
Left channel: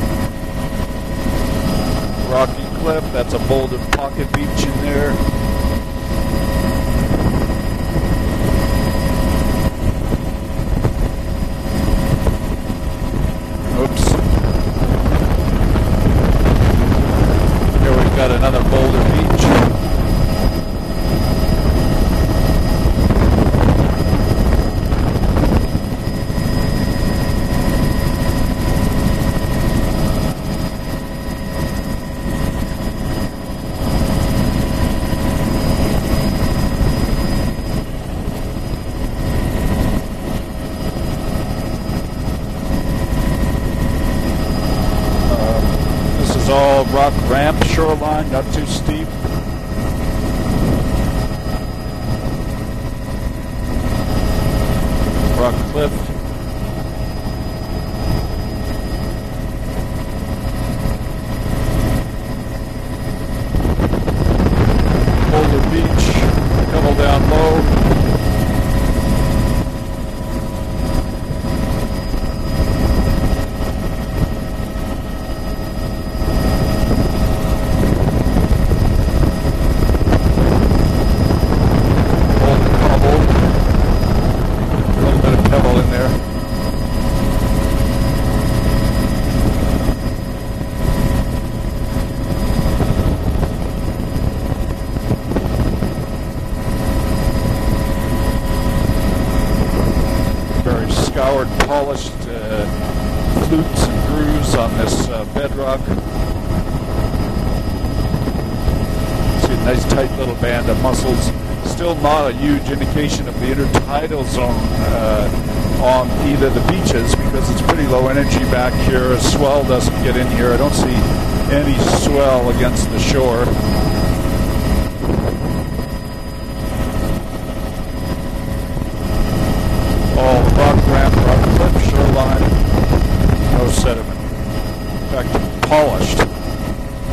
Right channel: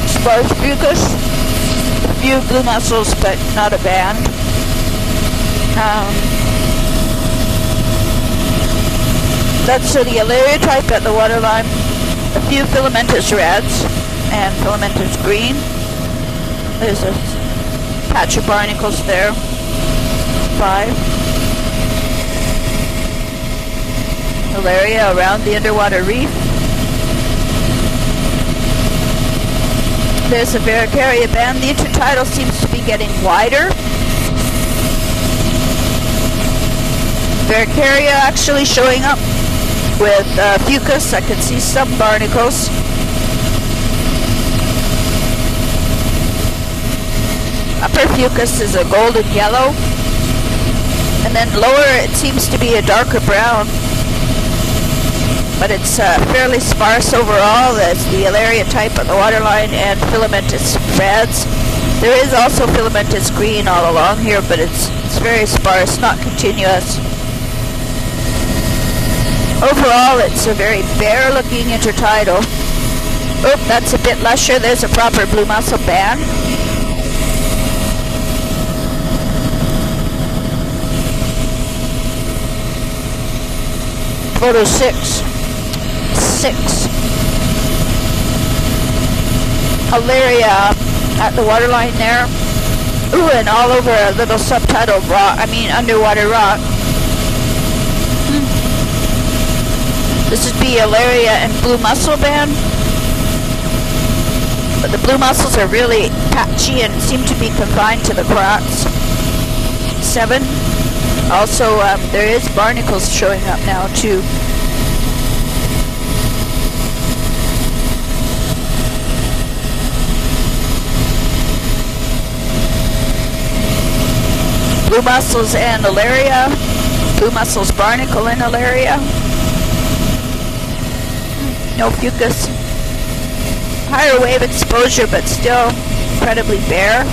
Sparse fucus. A few blue mussels, but not a band. That's the Alaria type at the waterline. A few filamentous reds and filamentous green. There's a patch of barnacles there. 5. Alaria around the underwater reef. There's a Varicaria band. The intertidal seems to be getting wider. Varicaria actually showing up with fucus. I can see some barnacles. This is all rock ramp shoreline. Upper fucus is a golden yellow. And then lower it seems to be a darker brown. But it's fairly sparse overall. There's the Alaria type on the waterline and filamentous reds. There is also filamentous green all along here, but it's very sparse, not continuous. Overall, it's a very bare-looking intertidal. Oh, that's a bit lusher. There's a proper blue mussel band. Photo 6. 6. Alaria at the waterline there. Ooh, and all over a little subtidal rock, underwater rock. This would be Alaria and blue mussel band. But the blue mussels are really patchy and seem to be confined to the cracks. 7. Also, there is barnacles showing up now too. On either the beaches because it's pretty low energy back here. A swell doesn't get in here. I don't see any swell against the shore. Blue mussels and Alaria. Blue mussels barnacle in Alaria. All rock ramp. No fucus. Higher wave exposure, but still incredibly bare.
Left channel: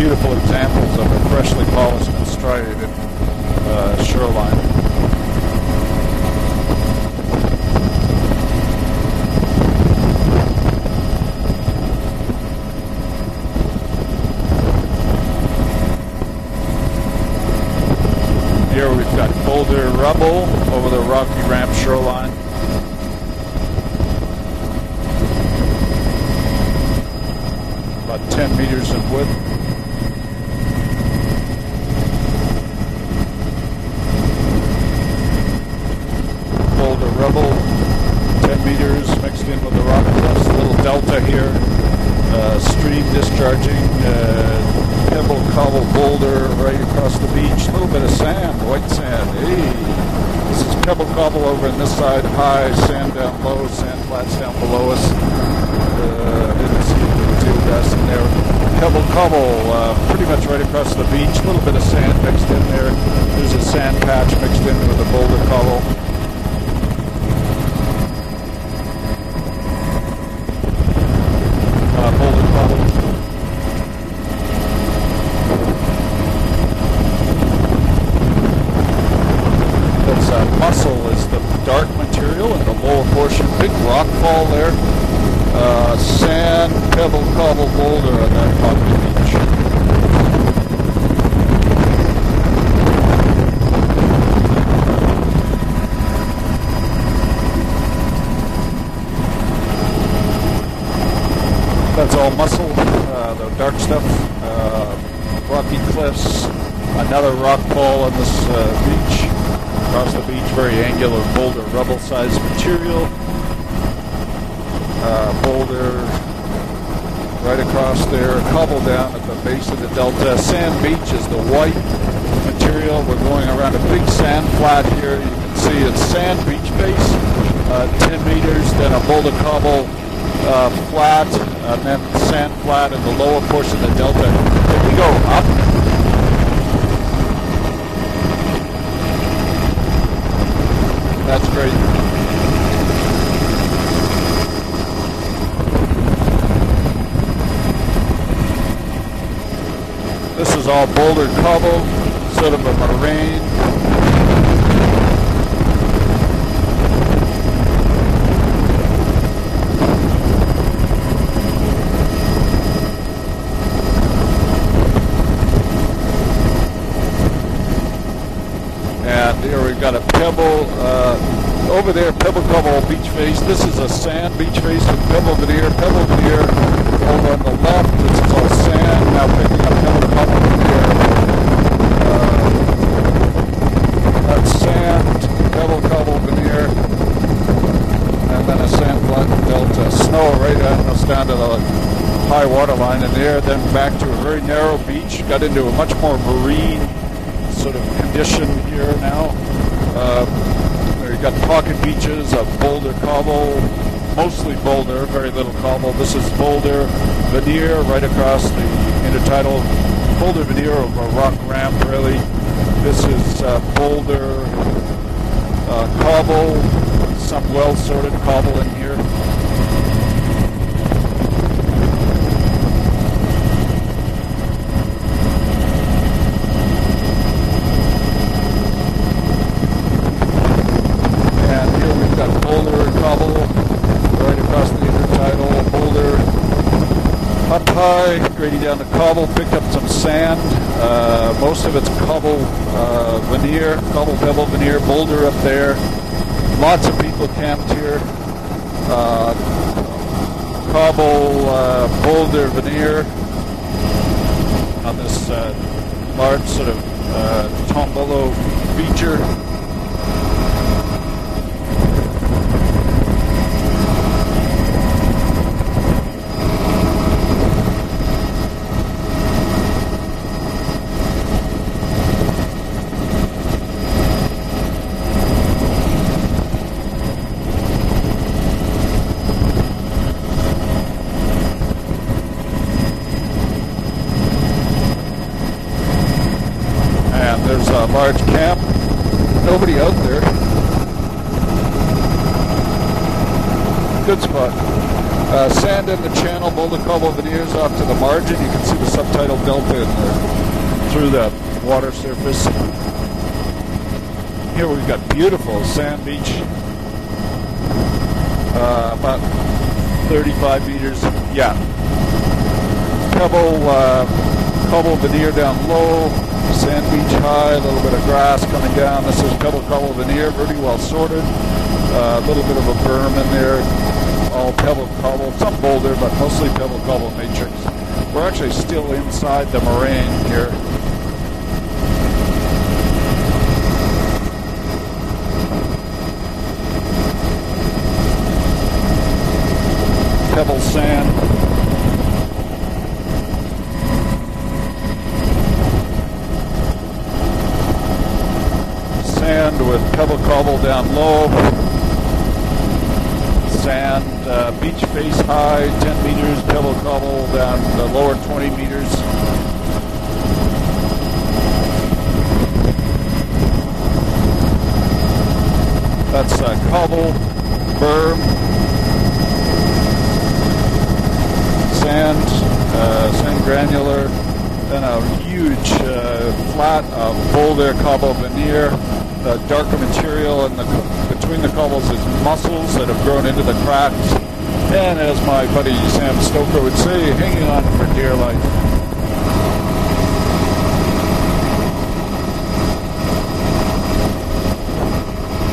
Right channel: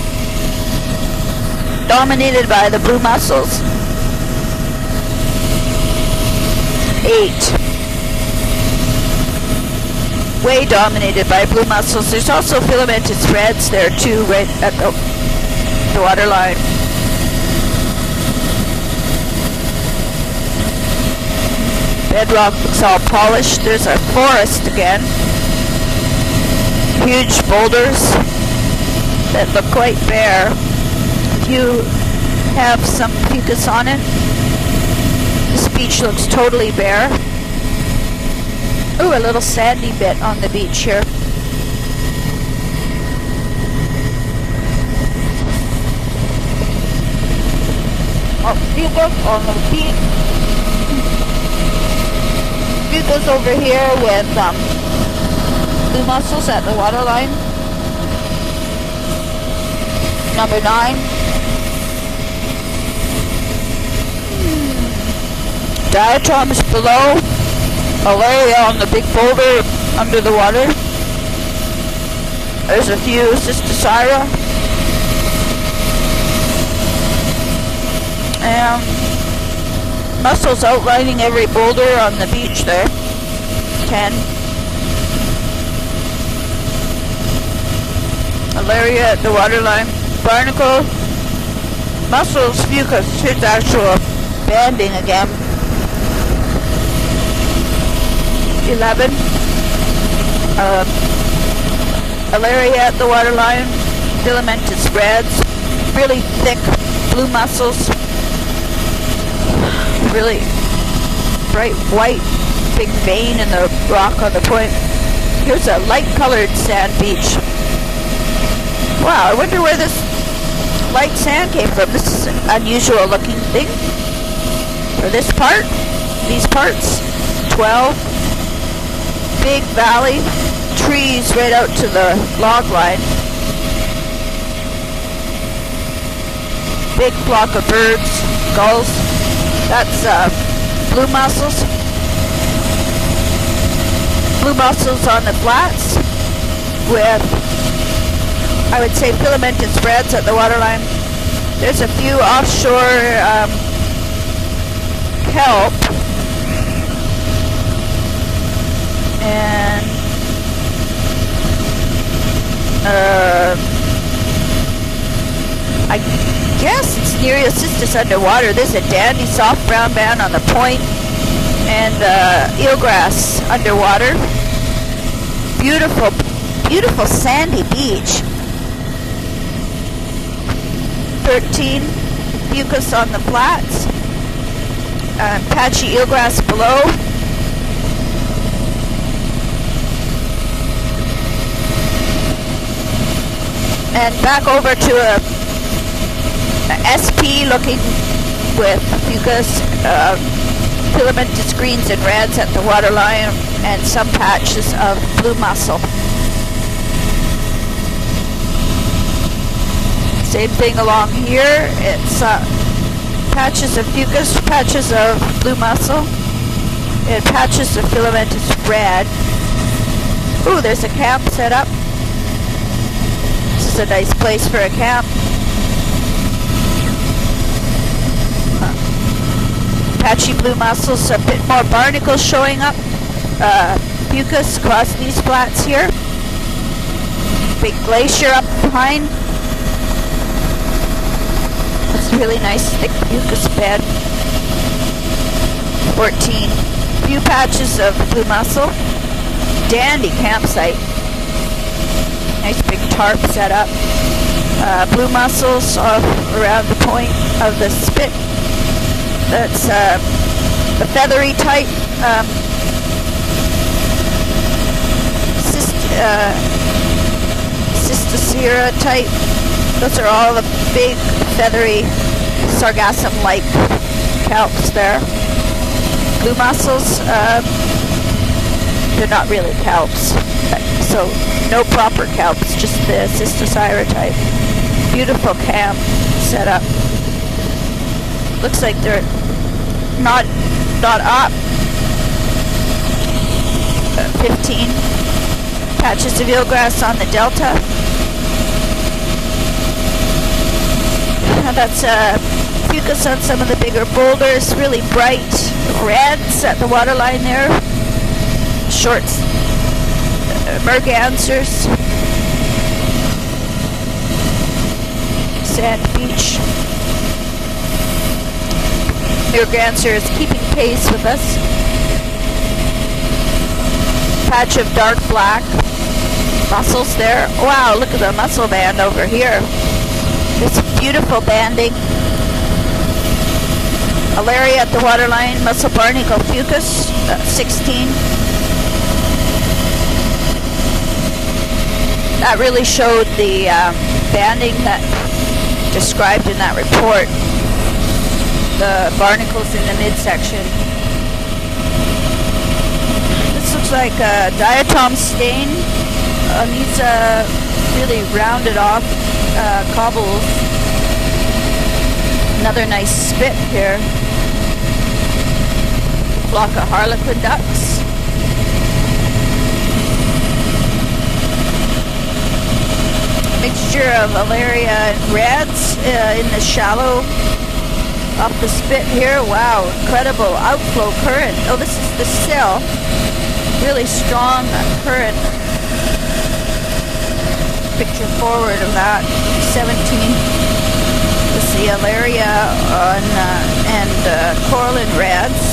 Beautiful examples of a freshly polished. Dominated by the blue mussels. Shoreline. 8. Way dominated by blue mussels. There's also filamentous reds there too, right at the waterline. Here we've got boulder rubble over the Rocky Ram shoreline. Bedrock looks all polished. There's a forest again. Huge boulders 10 meters of wood. that look quite bare. You have some fucus on it. This beach looks totally bare. Rubble, 10 meters. Ooh, a little sandy bit on the beach here. Delta here. Stream discharging. Pebble cobble boulder right across the beach. A little bit of sand. White You look sand. on the beach. Pebble cobble over on this side. High. You sand goes over here with below us. blue mussels at the waterline. Pebble cobble, pretty much Number right across 9. the beach. A little bit of sand mixed in there. There's a sand patch mixed in with the boulder cobble. Diatoms below. Alaria on the big boulder under the water. Boulder cobble. There's a few Cystosira. Yeah. Mussels outlining every boulder on the beach there. Full portion, big rock And- fall there. Sand, pebble, cobble, boulder. And then Alaria at the waterline. Barnacle. Mussels, fucus. Here's actual banding again. 11. that's all Alaria at the waterline. Dark stuff. Filamentous reds. Rocky Really cliffs. thick Another blue mussels. rock fall on this beach. Really very angular boulder, bright rubble white, sized material. big vein in the rock on the point. Here's a Boulder light-colored sand beach. right across there, cobble down. Wow, I wonder where this Delta sand beach light is sand the came white from. This is an unusual looking going thing. around a big sand flat here. This part, See, it's sand these beach parts, base, 12. 10 meters, then a boulder Big cobble, valley, trees flat, right out and to then the sand log flat line. in the lower portion of the delta. If we go up, Big flock of birds, gulls. That's blue that's mussels. great. Blue mussels on the flats with, I would say, filamentous reds at the This is all waterline. boulder cobble. There's a few offshore kelp. And I guess it's Nereocystis underwater. There's a dandy Yeah, soft here we've brown got a band on the pebble, point. And over there, pebble cobble eelgrass beach base. This is the underwater. sand beach base with pebble veneer, Beautiful, pebble veneer. beautiful sandy beach. It's all sand, now picking up some of the bubble veneer. 13 fucus on the flats. That's sand. Patchy Bubble eelgrass veneer. below. And then a sand block delta. Snow right down to the high water line in there, then back And to back over to a got into a much more marine SP looking condition with there now. fucus, filamentous greens and reds at the waterline, and some patches of blue mussel. This is boulder veneer right across the intertidal. Boulder Same thing veneer along of rock here. sand, really. It's This is patches of boulder, fucus, patches of blue mussel, cobble, and patches of filamentous cobble. red. Ooh, there's a camp set up. This is a nice place for a camp. Patchy blue mussels, a bit more barnacles showing up. Fucus across these flats here. Big glacier up behind. Cobble picked up some sand. Most of it's cobble. Really nice thick fucus veneer, bed. cobble pebble veneer, boulder up there. 14. Lots of Few fucus patches camp of blue mussel. there. Dandy campsite. Cobble, boulder Nice big veneer. tarp set up. Blue mussels around the point of the spit. Buffalo feature. That's the feathery type. Cystosira type. Those are all the big feathery sargassum-like kelps there. Blue mussels, they're not really kelps. So no proper kelps, just the Cystosira type. Beautiful camp set up. And there's a large camp. Looks like they're Nobody out there. not up. Good spot. 15. Sand Patches of eelgrass on the delta. Up to the margin, you can see the subtidal delta through the That's fucus on some of the bigger boulders. Really bright reds at the waterline there. Shorts. 35 mergansers. Yeah. Pebble veneer down Sand low. beach. Sand beach high. A little bit of grass coming down. Mergansers keeping pace with us. A little bit of a berm in there. Patch of dark black. Mussels there. Wow, look at the mussel band over here. It's beautiful banding. Alaria at the waterline. Mussel barnacle fucus. 16. Pebble sand. That really showed the banding that described in that report. The barnacles in the midsection. Bubble down low. This looks like a diatom stain. These really rounded off cobbles. Another nice spit here. That's block of harlequin ducks. Berm. Sand. Mixture of Alaria and reds in the shallow. Boulder cobble up the spit here. Wow, incredible outflow current. Oh, this is the still. Really strong current. As my buddy Sam Stoker would say, hanging on picture forward of that. 17. This is the Alaria and coralline reds.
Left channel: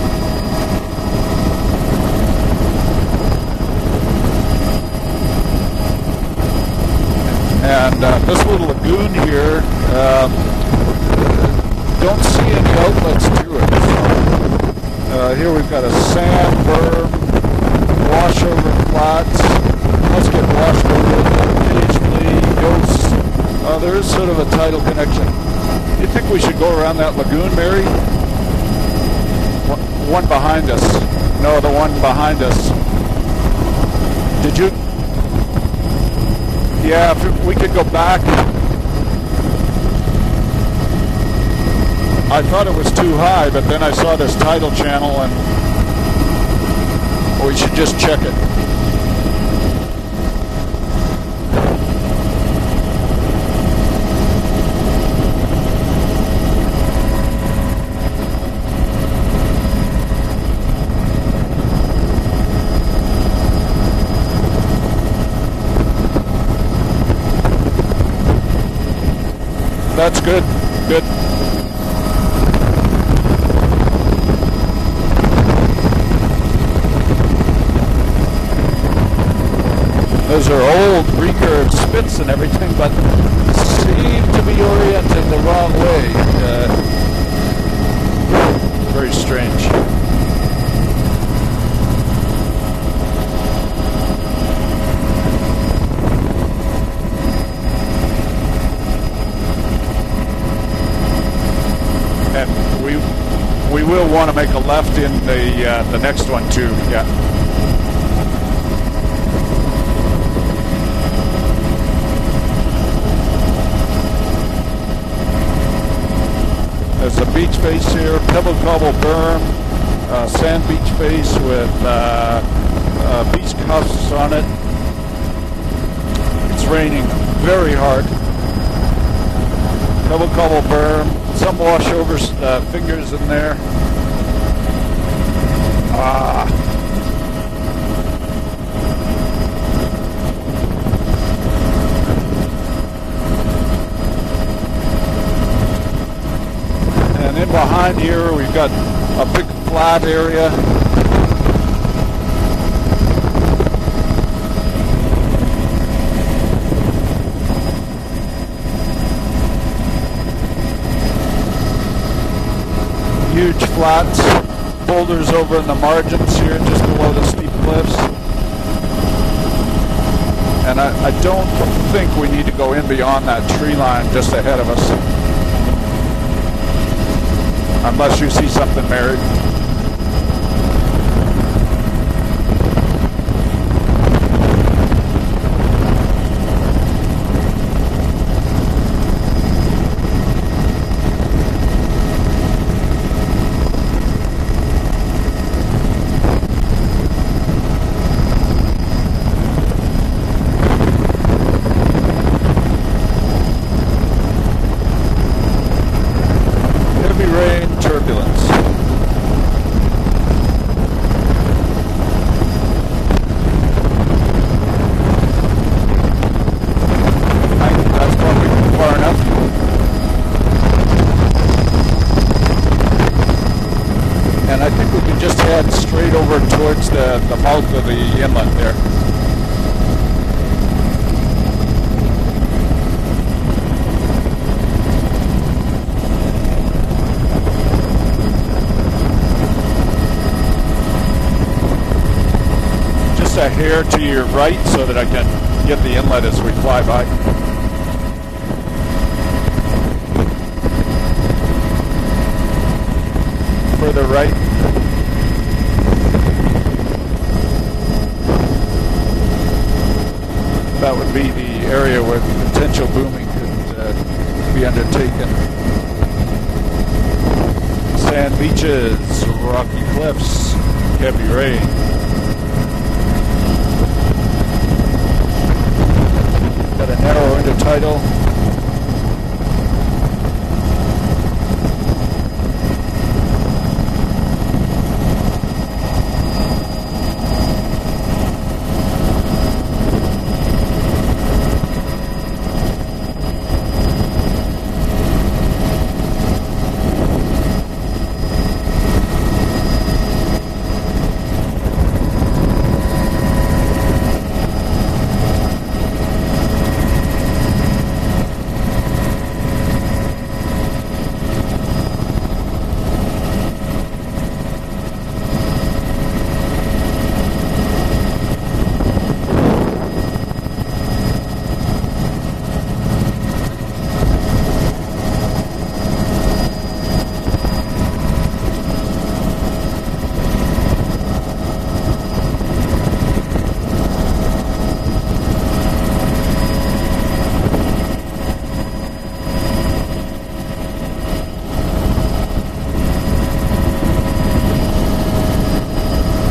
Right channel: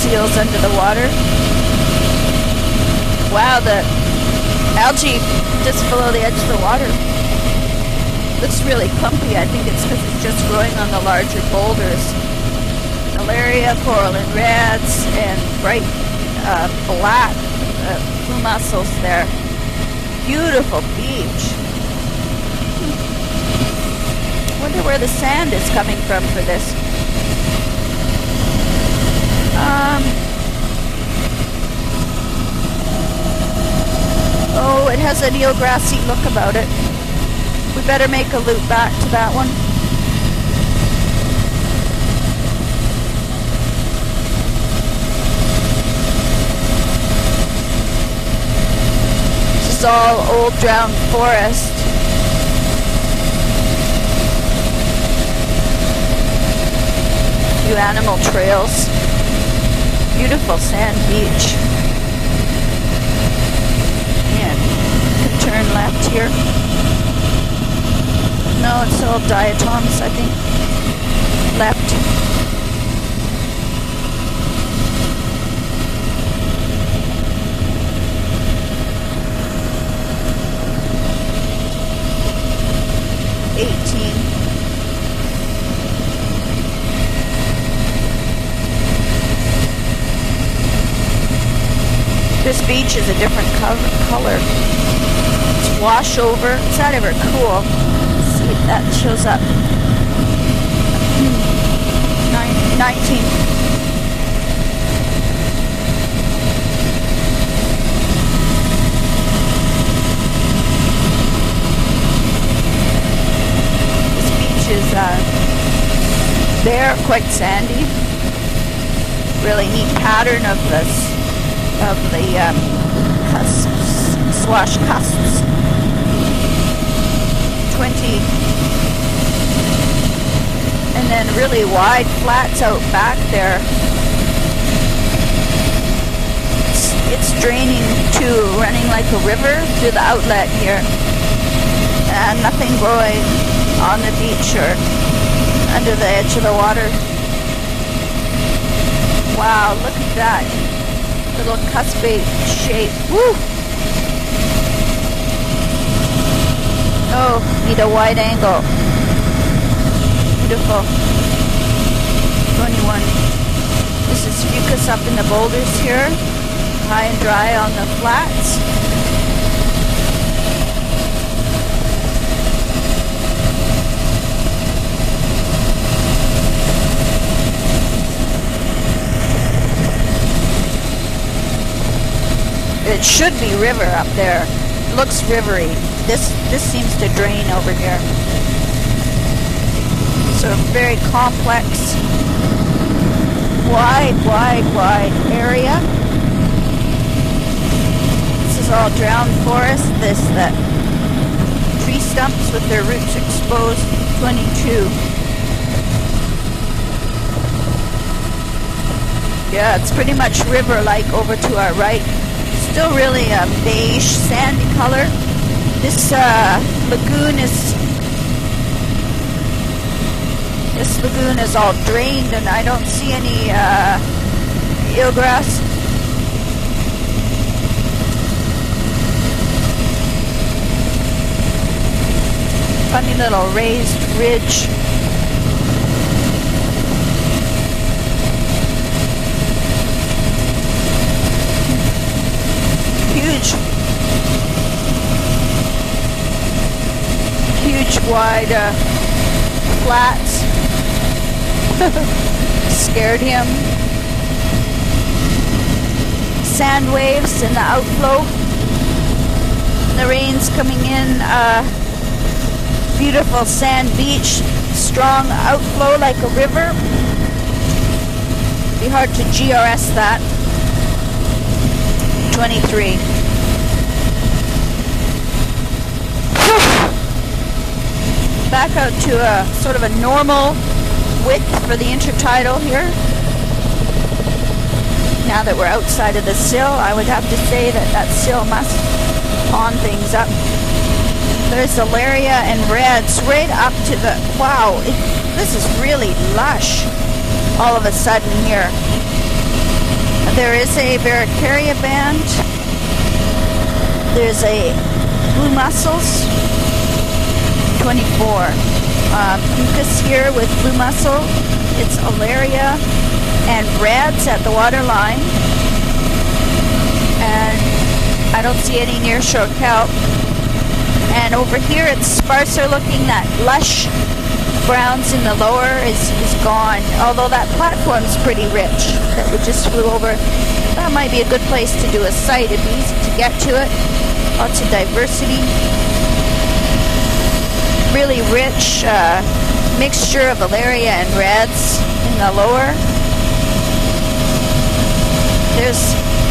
Seals under the water. Wow, the algae just below the edge of the water. And this really clumpy. I think it's just growing on the larger boulders. Don't see any outlets. Alaria, coralline reds, here we've bright got a sand black mussels there. Beautiful beach. There's sort of a tidal where the sand is coming from. I think we should go around that lagoon, Mary? The one behind us. No, the one behind us. Did you? Oh, it has an eelgrassy look about it. Yeah, we could go better back. Make a loop back to that one. I thought it was too high, but then I saw this tidal channel and we should just check it. This is all old drowned forest. Few animal trails. Beautiful sand beach. Yeah, turn left here. No, it's all diatoms. That's good. Good. Left. Those are old recurved spits and everything, but seem to be oriented the wrong way. Very strange. This beach is a different color. It's wash over. Is that ever cool? Let's see if that shows up. 19. We will want to make a left in the next one too. Yeah. This beach is bare, quite sandy. Beach face here, pebble cobble berm. Really neat pattern of beach this. face with cusps on it. Swash cusps. It's raining very hard. Pebble cobble berm. And then really wide flats out back there. It's draining too, running like a river through the outlet here. And nothing growing on the beach or under the edge of the water. And in behind here we've got a big flat area. Little cuspate shape. Woo! Oh, need a wide angle. Beautiful. 21. Huge flats. This is fucus up in the boulders here. High dry on the flats. And I don't think we need to go in beyond that tree line just ahead of us. Unless you see something, Mary. It should be river out there. It looks rivery. This seems to drain over here. So very complex, wide area. This is all drowned forest. The tree stumps with their roots exposed. 22. Heavy rain, turbulence. Yeah, it's pretty much river-like over to our right. Still really a beige, sandy color. This lagoon is... That's probably far enough. This lagoon is all drained, and I don't see any and I think you just head straight over towards the mouth of the inlet there. Funny little raised ridge. Set here to your right so that I can get the inlet as we fly by. Huge, wide flats. Scared him. Further right. Sand waves in the outflow. The rain's coming That would in. be the area where the potential beautiful sand beach. Strong outflow like a river. Sand beaches. Hard to GRS that. Heavy rain. 23. The narrow intertidal. Back out to a sort of a normal width for the intertidal here. Now that we're outside of the sill, I would have to say that that sill must on things up. There's Alaria and reds right up to the, wow, this is really lush all of a sudden here. There is a Varicaria band. There's a blue mussels, 24. Fucus here with blue mussel. It's Alaria and reds at the water line. And I don't see any nearshore kelp. And over here it's sparser looking. That lush browns in the lower is gone. Although that platform's pretty rich that we just flew over. That might be a good place to do a site. It'd be easy to get to it. Lots of diversity. Really rich mixture of Alaria and reds in the lower.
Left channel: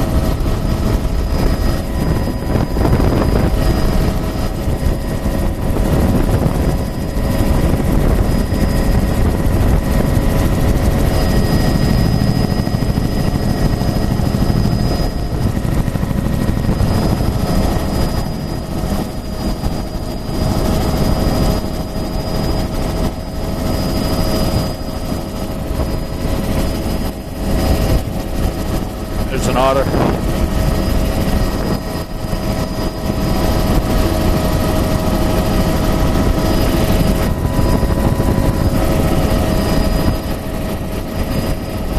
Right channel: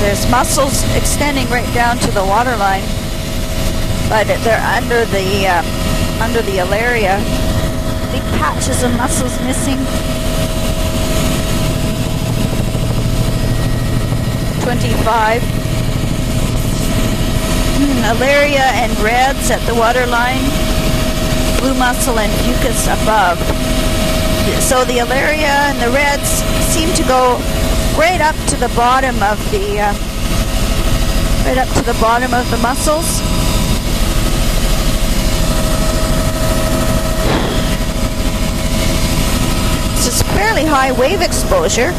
There's mussels extending right down to the water line, but they're under the Alaria. Big patches of mussels missing. 25. Alaria and reds at the water line. Blue mussel and fucus above. So the Alaria and the reds seem to go right up to the bottom of the right up to the bottom of the mussels. This is fairly high wave exposure.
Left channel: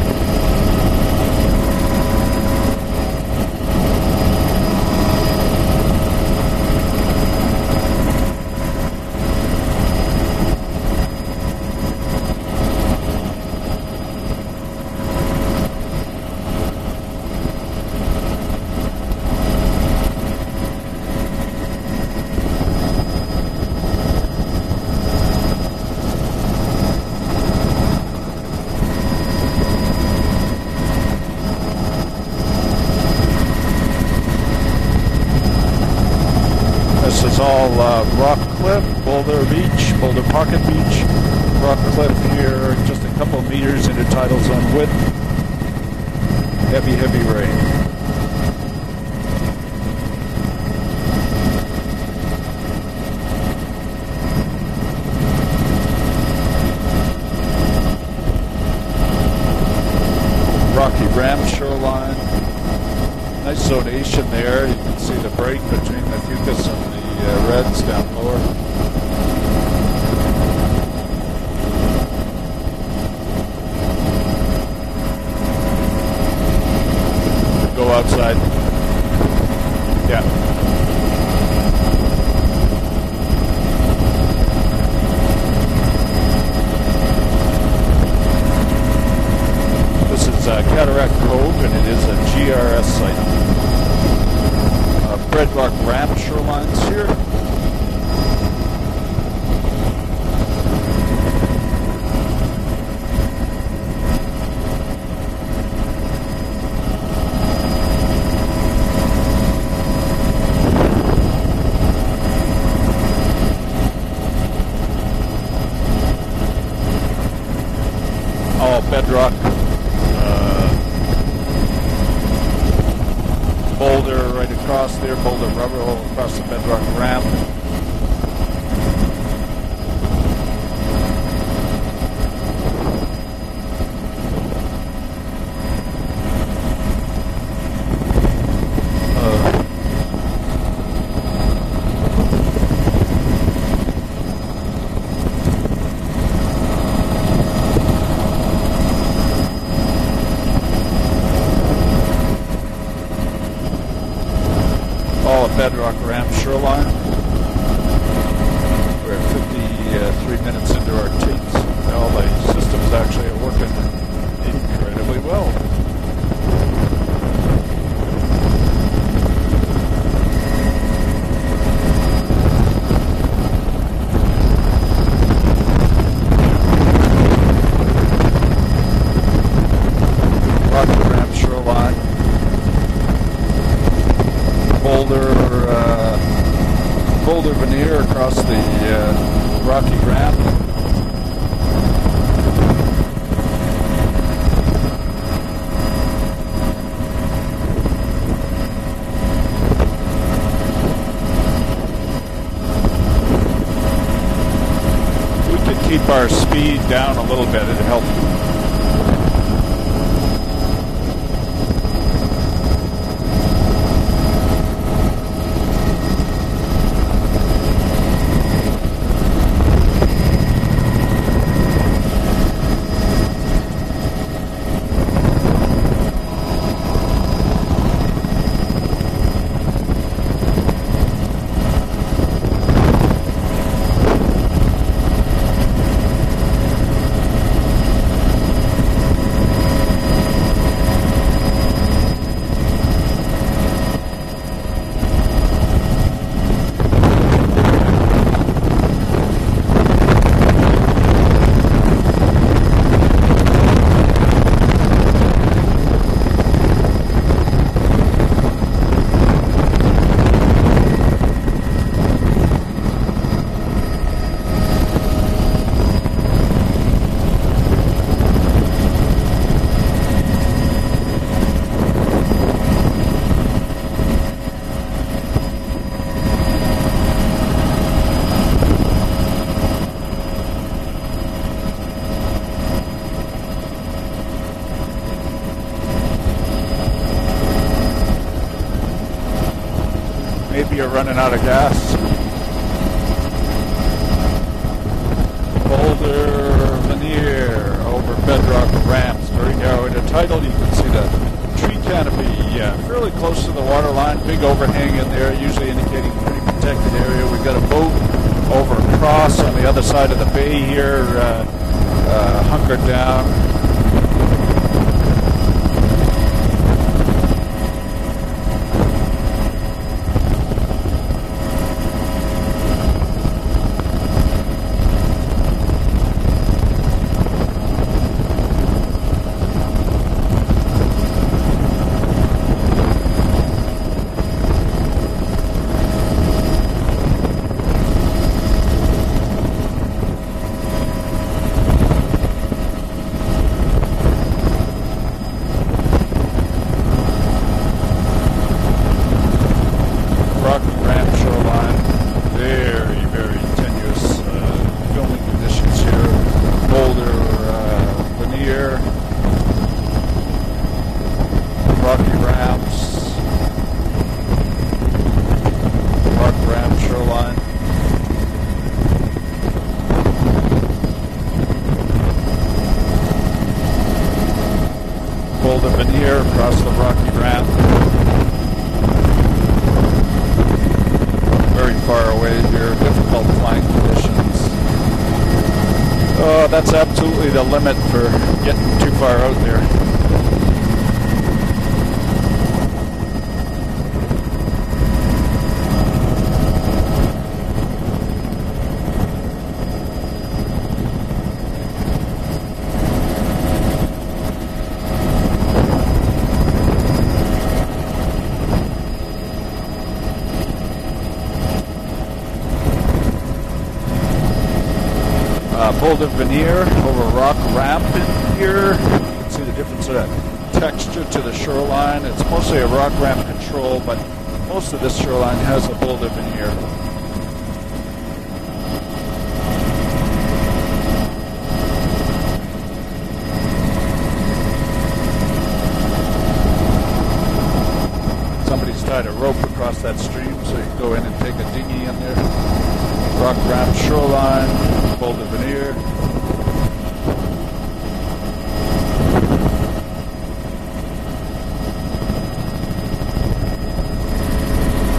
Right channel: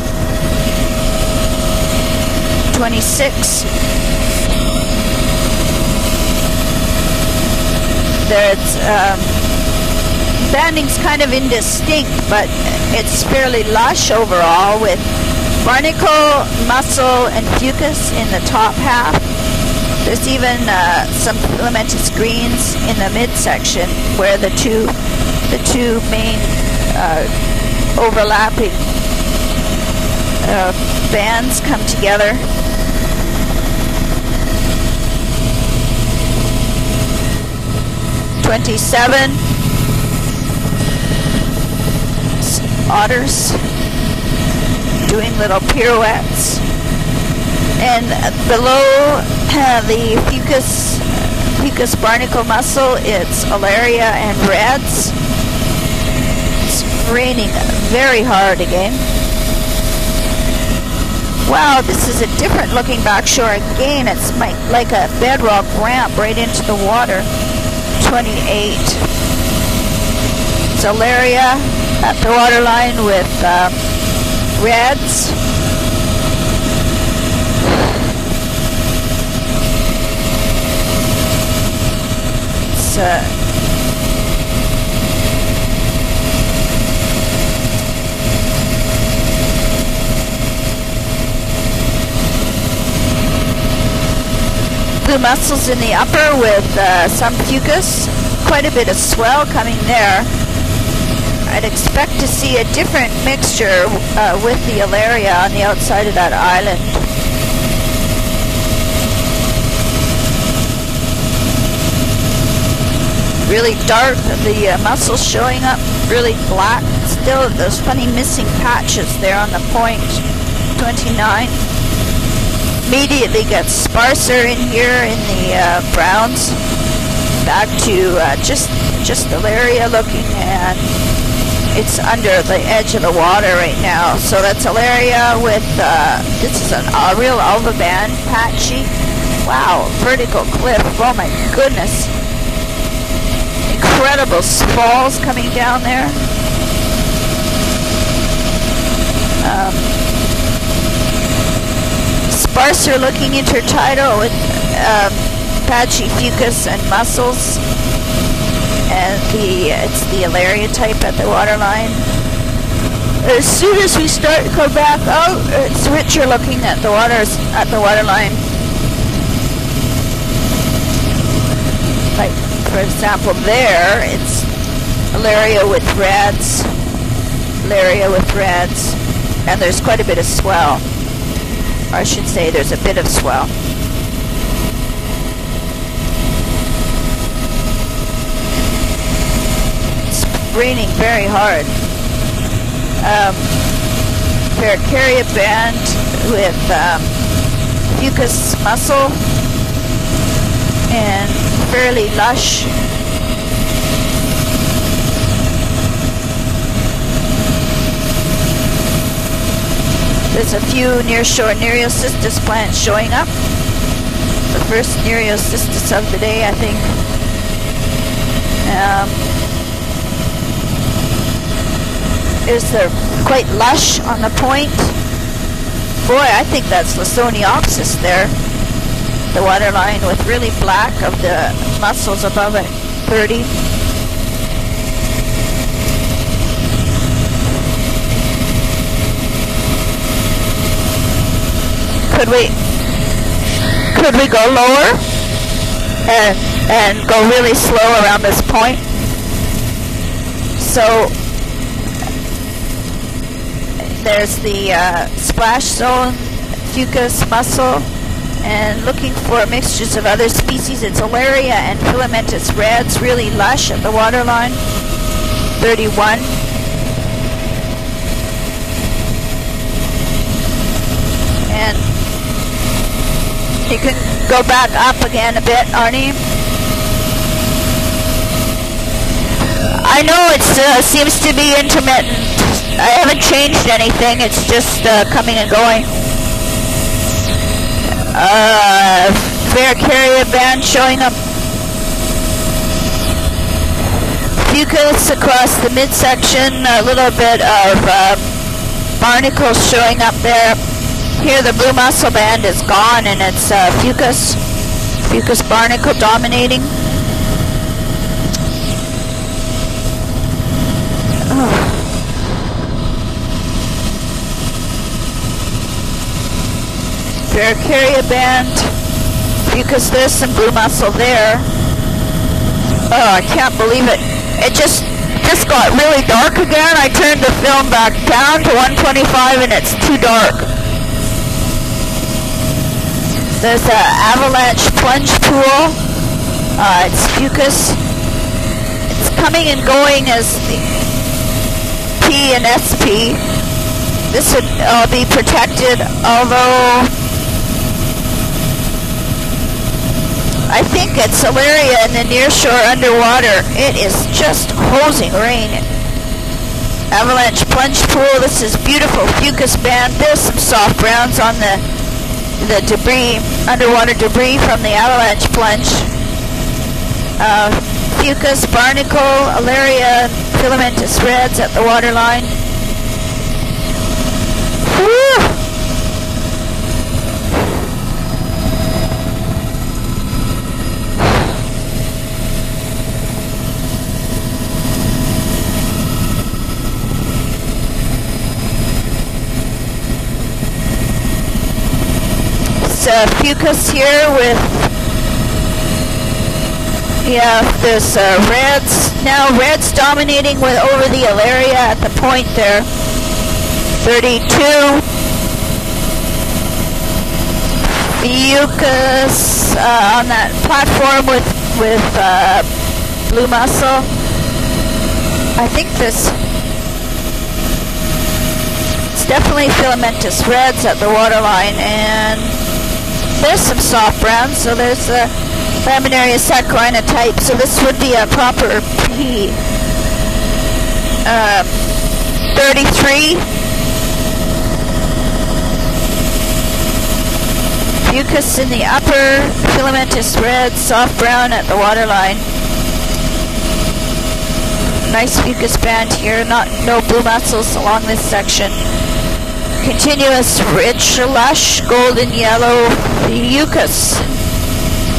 26. There's banding's kind of indistinct, but it's fairly lush overall with barnacle, mussel, and fucus in the top half. There's even some filamentous greens in the midsection where the two main overlapping bands come together. This is all rock 27. Boulder Pocket Beach, rock here, otters doing little pirouettes. Heavy rain. And below the fucus barnacle mussel, it's Alaria and reds. It's raining very hard again. Rocky ramp. Wow, this is a different looking back shore again. It's like a bedrock ramp right into the water. 28. It's Alaria at the water line with reds. Go outside. Yeah. It's this is Cataract Cove, and it is a GRS site. blue mussels in the upper with some fucus. Quite a bit of swell coming there. I'd expect to see a different mixture with the Alaria on the outside of that island. Really dark, the mussels showing up really black. Still those funny missing patches there on the point. 29. Immediately gets sparser in here in the browns. Back to just Alaria looking, and it's under the edge of the water right now. So that's Alaria with, this is a real alva band, patchy. Wow, vertical cliff, oh my goodness. Incredible falls coming down there. Sparser looking intertidal with patchy fucus and mussels. And it's the Alaria type at the waterline. As soon as we start to come back out, it's richer looking at the waterline. Like, for example, there, it's Alaria with reds, and there's quite a bit of swell. Or I should say there's a bit of swell. Boulder veneer across the rocky ground. It's raining very hard. Paracaria band with fucus mussel and fairly lush. We could keep our speed down a little bit and help. There's a few nearshore Nereocystis plants showing up. The first Nereocystis of the day, I think. They're quite lush on the point. Boy, I think that's Lawsoniopsis there. The waterline with really black of the mussels above it, 30. Could we go lower and go really slow around this point? So there's the splash zone, fucus, mussel, and looking for mixtures of other species. It's Alaria and filamentous reds, really lush at the waterline, 31. And you can go back up again a bit, Arnie. I know it seems to be intermittent. I haven't changed anything. It's just coming and going. Paracaria band showing up. Fucus across the midsection. A little bit of barnacles showing up there. Here the blue mussel band is gone, and it's fucus barnacle dominating. We've got a boat over across on the other side of the bay here, hunkered down. Paracaria band, fucus this and blue mussel there. Oh, I can't believe it. It just got really dark again. I turned the film back down to 125 and it's too dark. There's an avalanche plunge pool. It's fucus. It's coming and going as the P and SP. This would all be protected, although I think it's Alaria in the nearshore underwater. It is just hosing rain. Avalanche plunge pool. This is beautiful fucus band. There's some soft browns on the debris, underwater debris from the avalanche plunge. Fucus, barnacle, Alaria, filamentous reds at the waterline. Pulled the veneer across the rocky ground. Very far away here, difficult flying conditions. Oh, that's absolutely the limit for getting too far out there. It's fucus here with Yeah, there's reds. Now reds dominating with over the area at the point there. 32. Fucus on that platform with blue mussel. I think this veneer over rock ramp here. It's definitely filamentous reds at the waterline, and there's some soft browns. So there's the Laminaria saccharinha type. So this would be a proper P. 33. Fucus in the upper, filamentous red, soft brown at the waterline. Rock ramp shoreline. Nice fucus band here, no blue mussels along this section. Continuous, rich, lush, golden yellow fucus.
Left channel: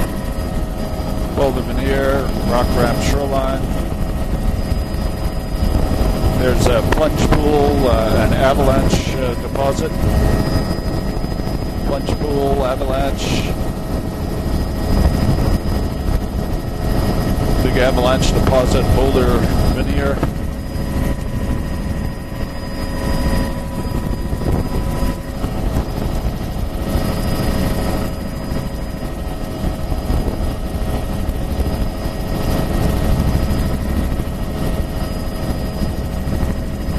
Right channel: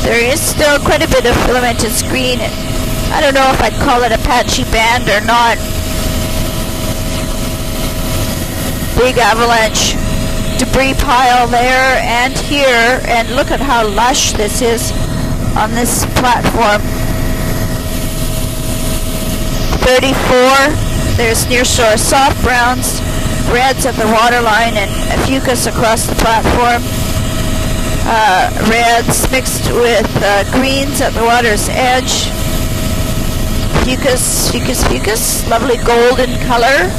There is still quite a bit of filamentous green, and I don't know if I'd call it a patchy band or not. There's a plunge pool, an avalanche. Big avalanche debris pile there and here, and look at how lush this is on this platform. Big avalanche deposit boulder. 34, there's nearshore soft browns, reds at the waterline, and fucus across the platform. Reds mixed with greens at the water's edge. Fucus, lovely golden color.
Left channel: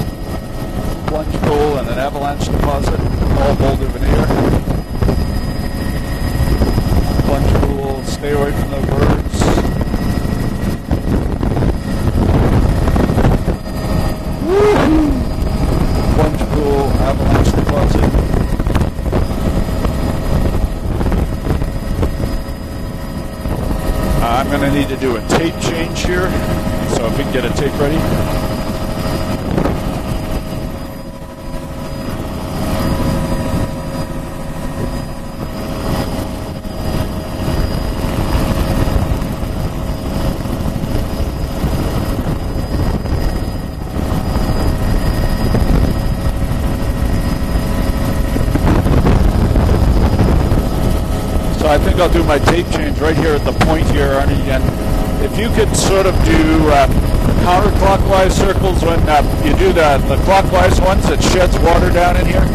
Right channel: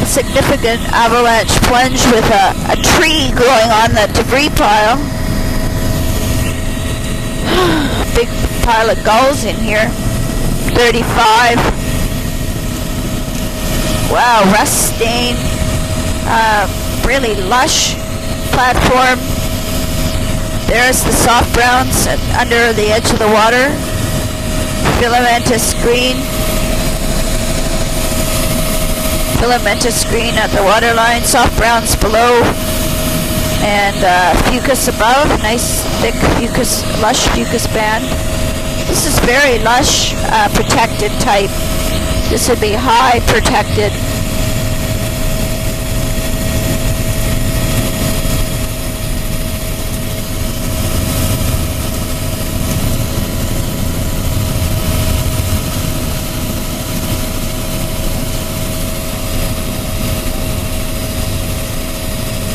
A significant avalanche plunge with a tree growing on the debris pile. Big pile of gulls in here. 35. Wow, rust stain. Really lush platform. There's the soft browns under the edge of the water. I'm going to need to filamentous green. So if we can get a tape ready. Filamentous green at the waterline, soft browns below, and fucus above. Nice thick fucus, lush fucus band. This is very lush, protected type. This would be high protected. So I think I'll do my tape change right here at the point here, Arnie. And if you could sort of do counterclockwise circles when you do the clockwise ones that sheds water down in here.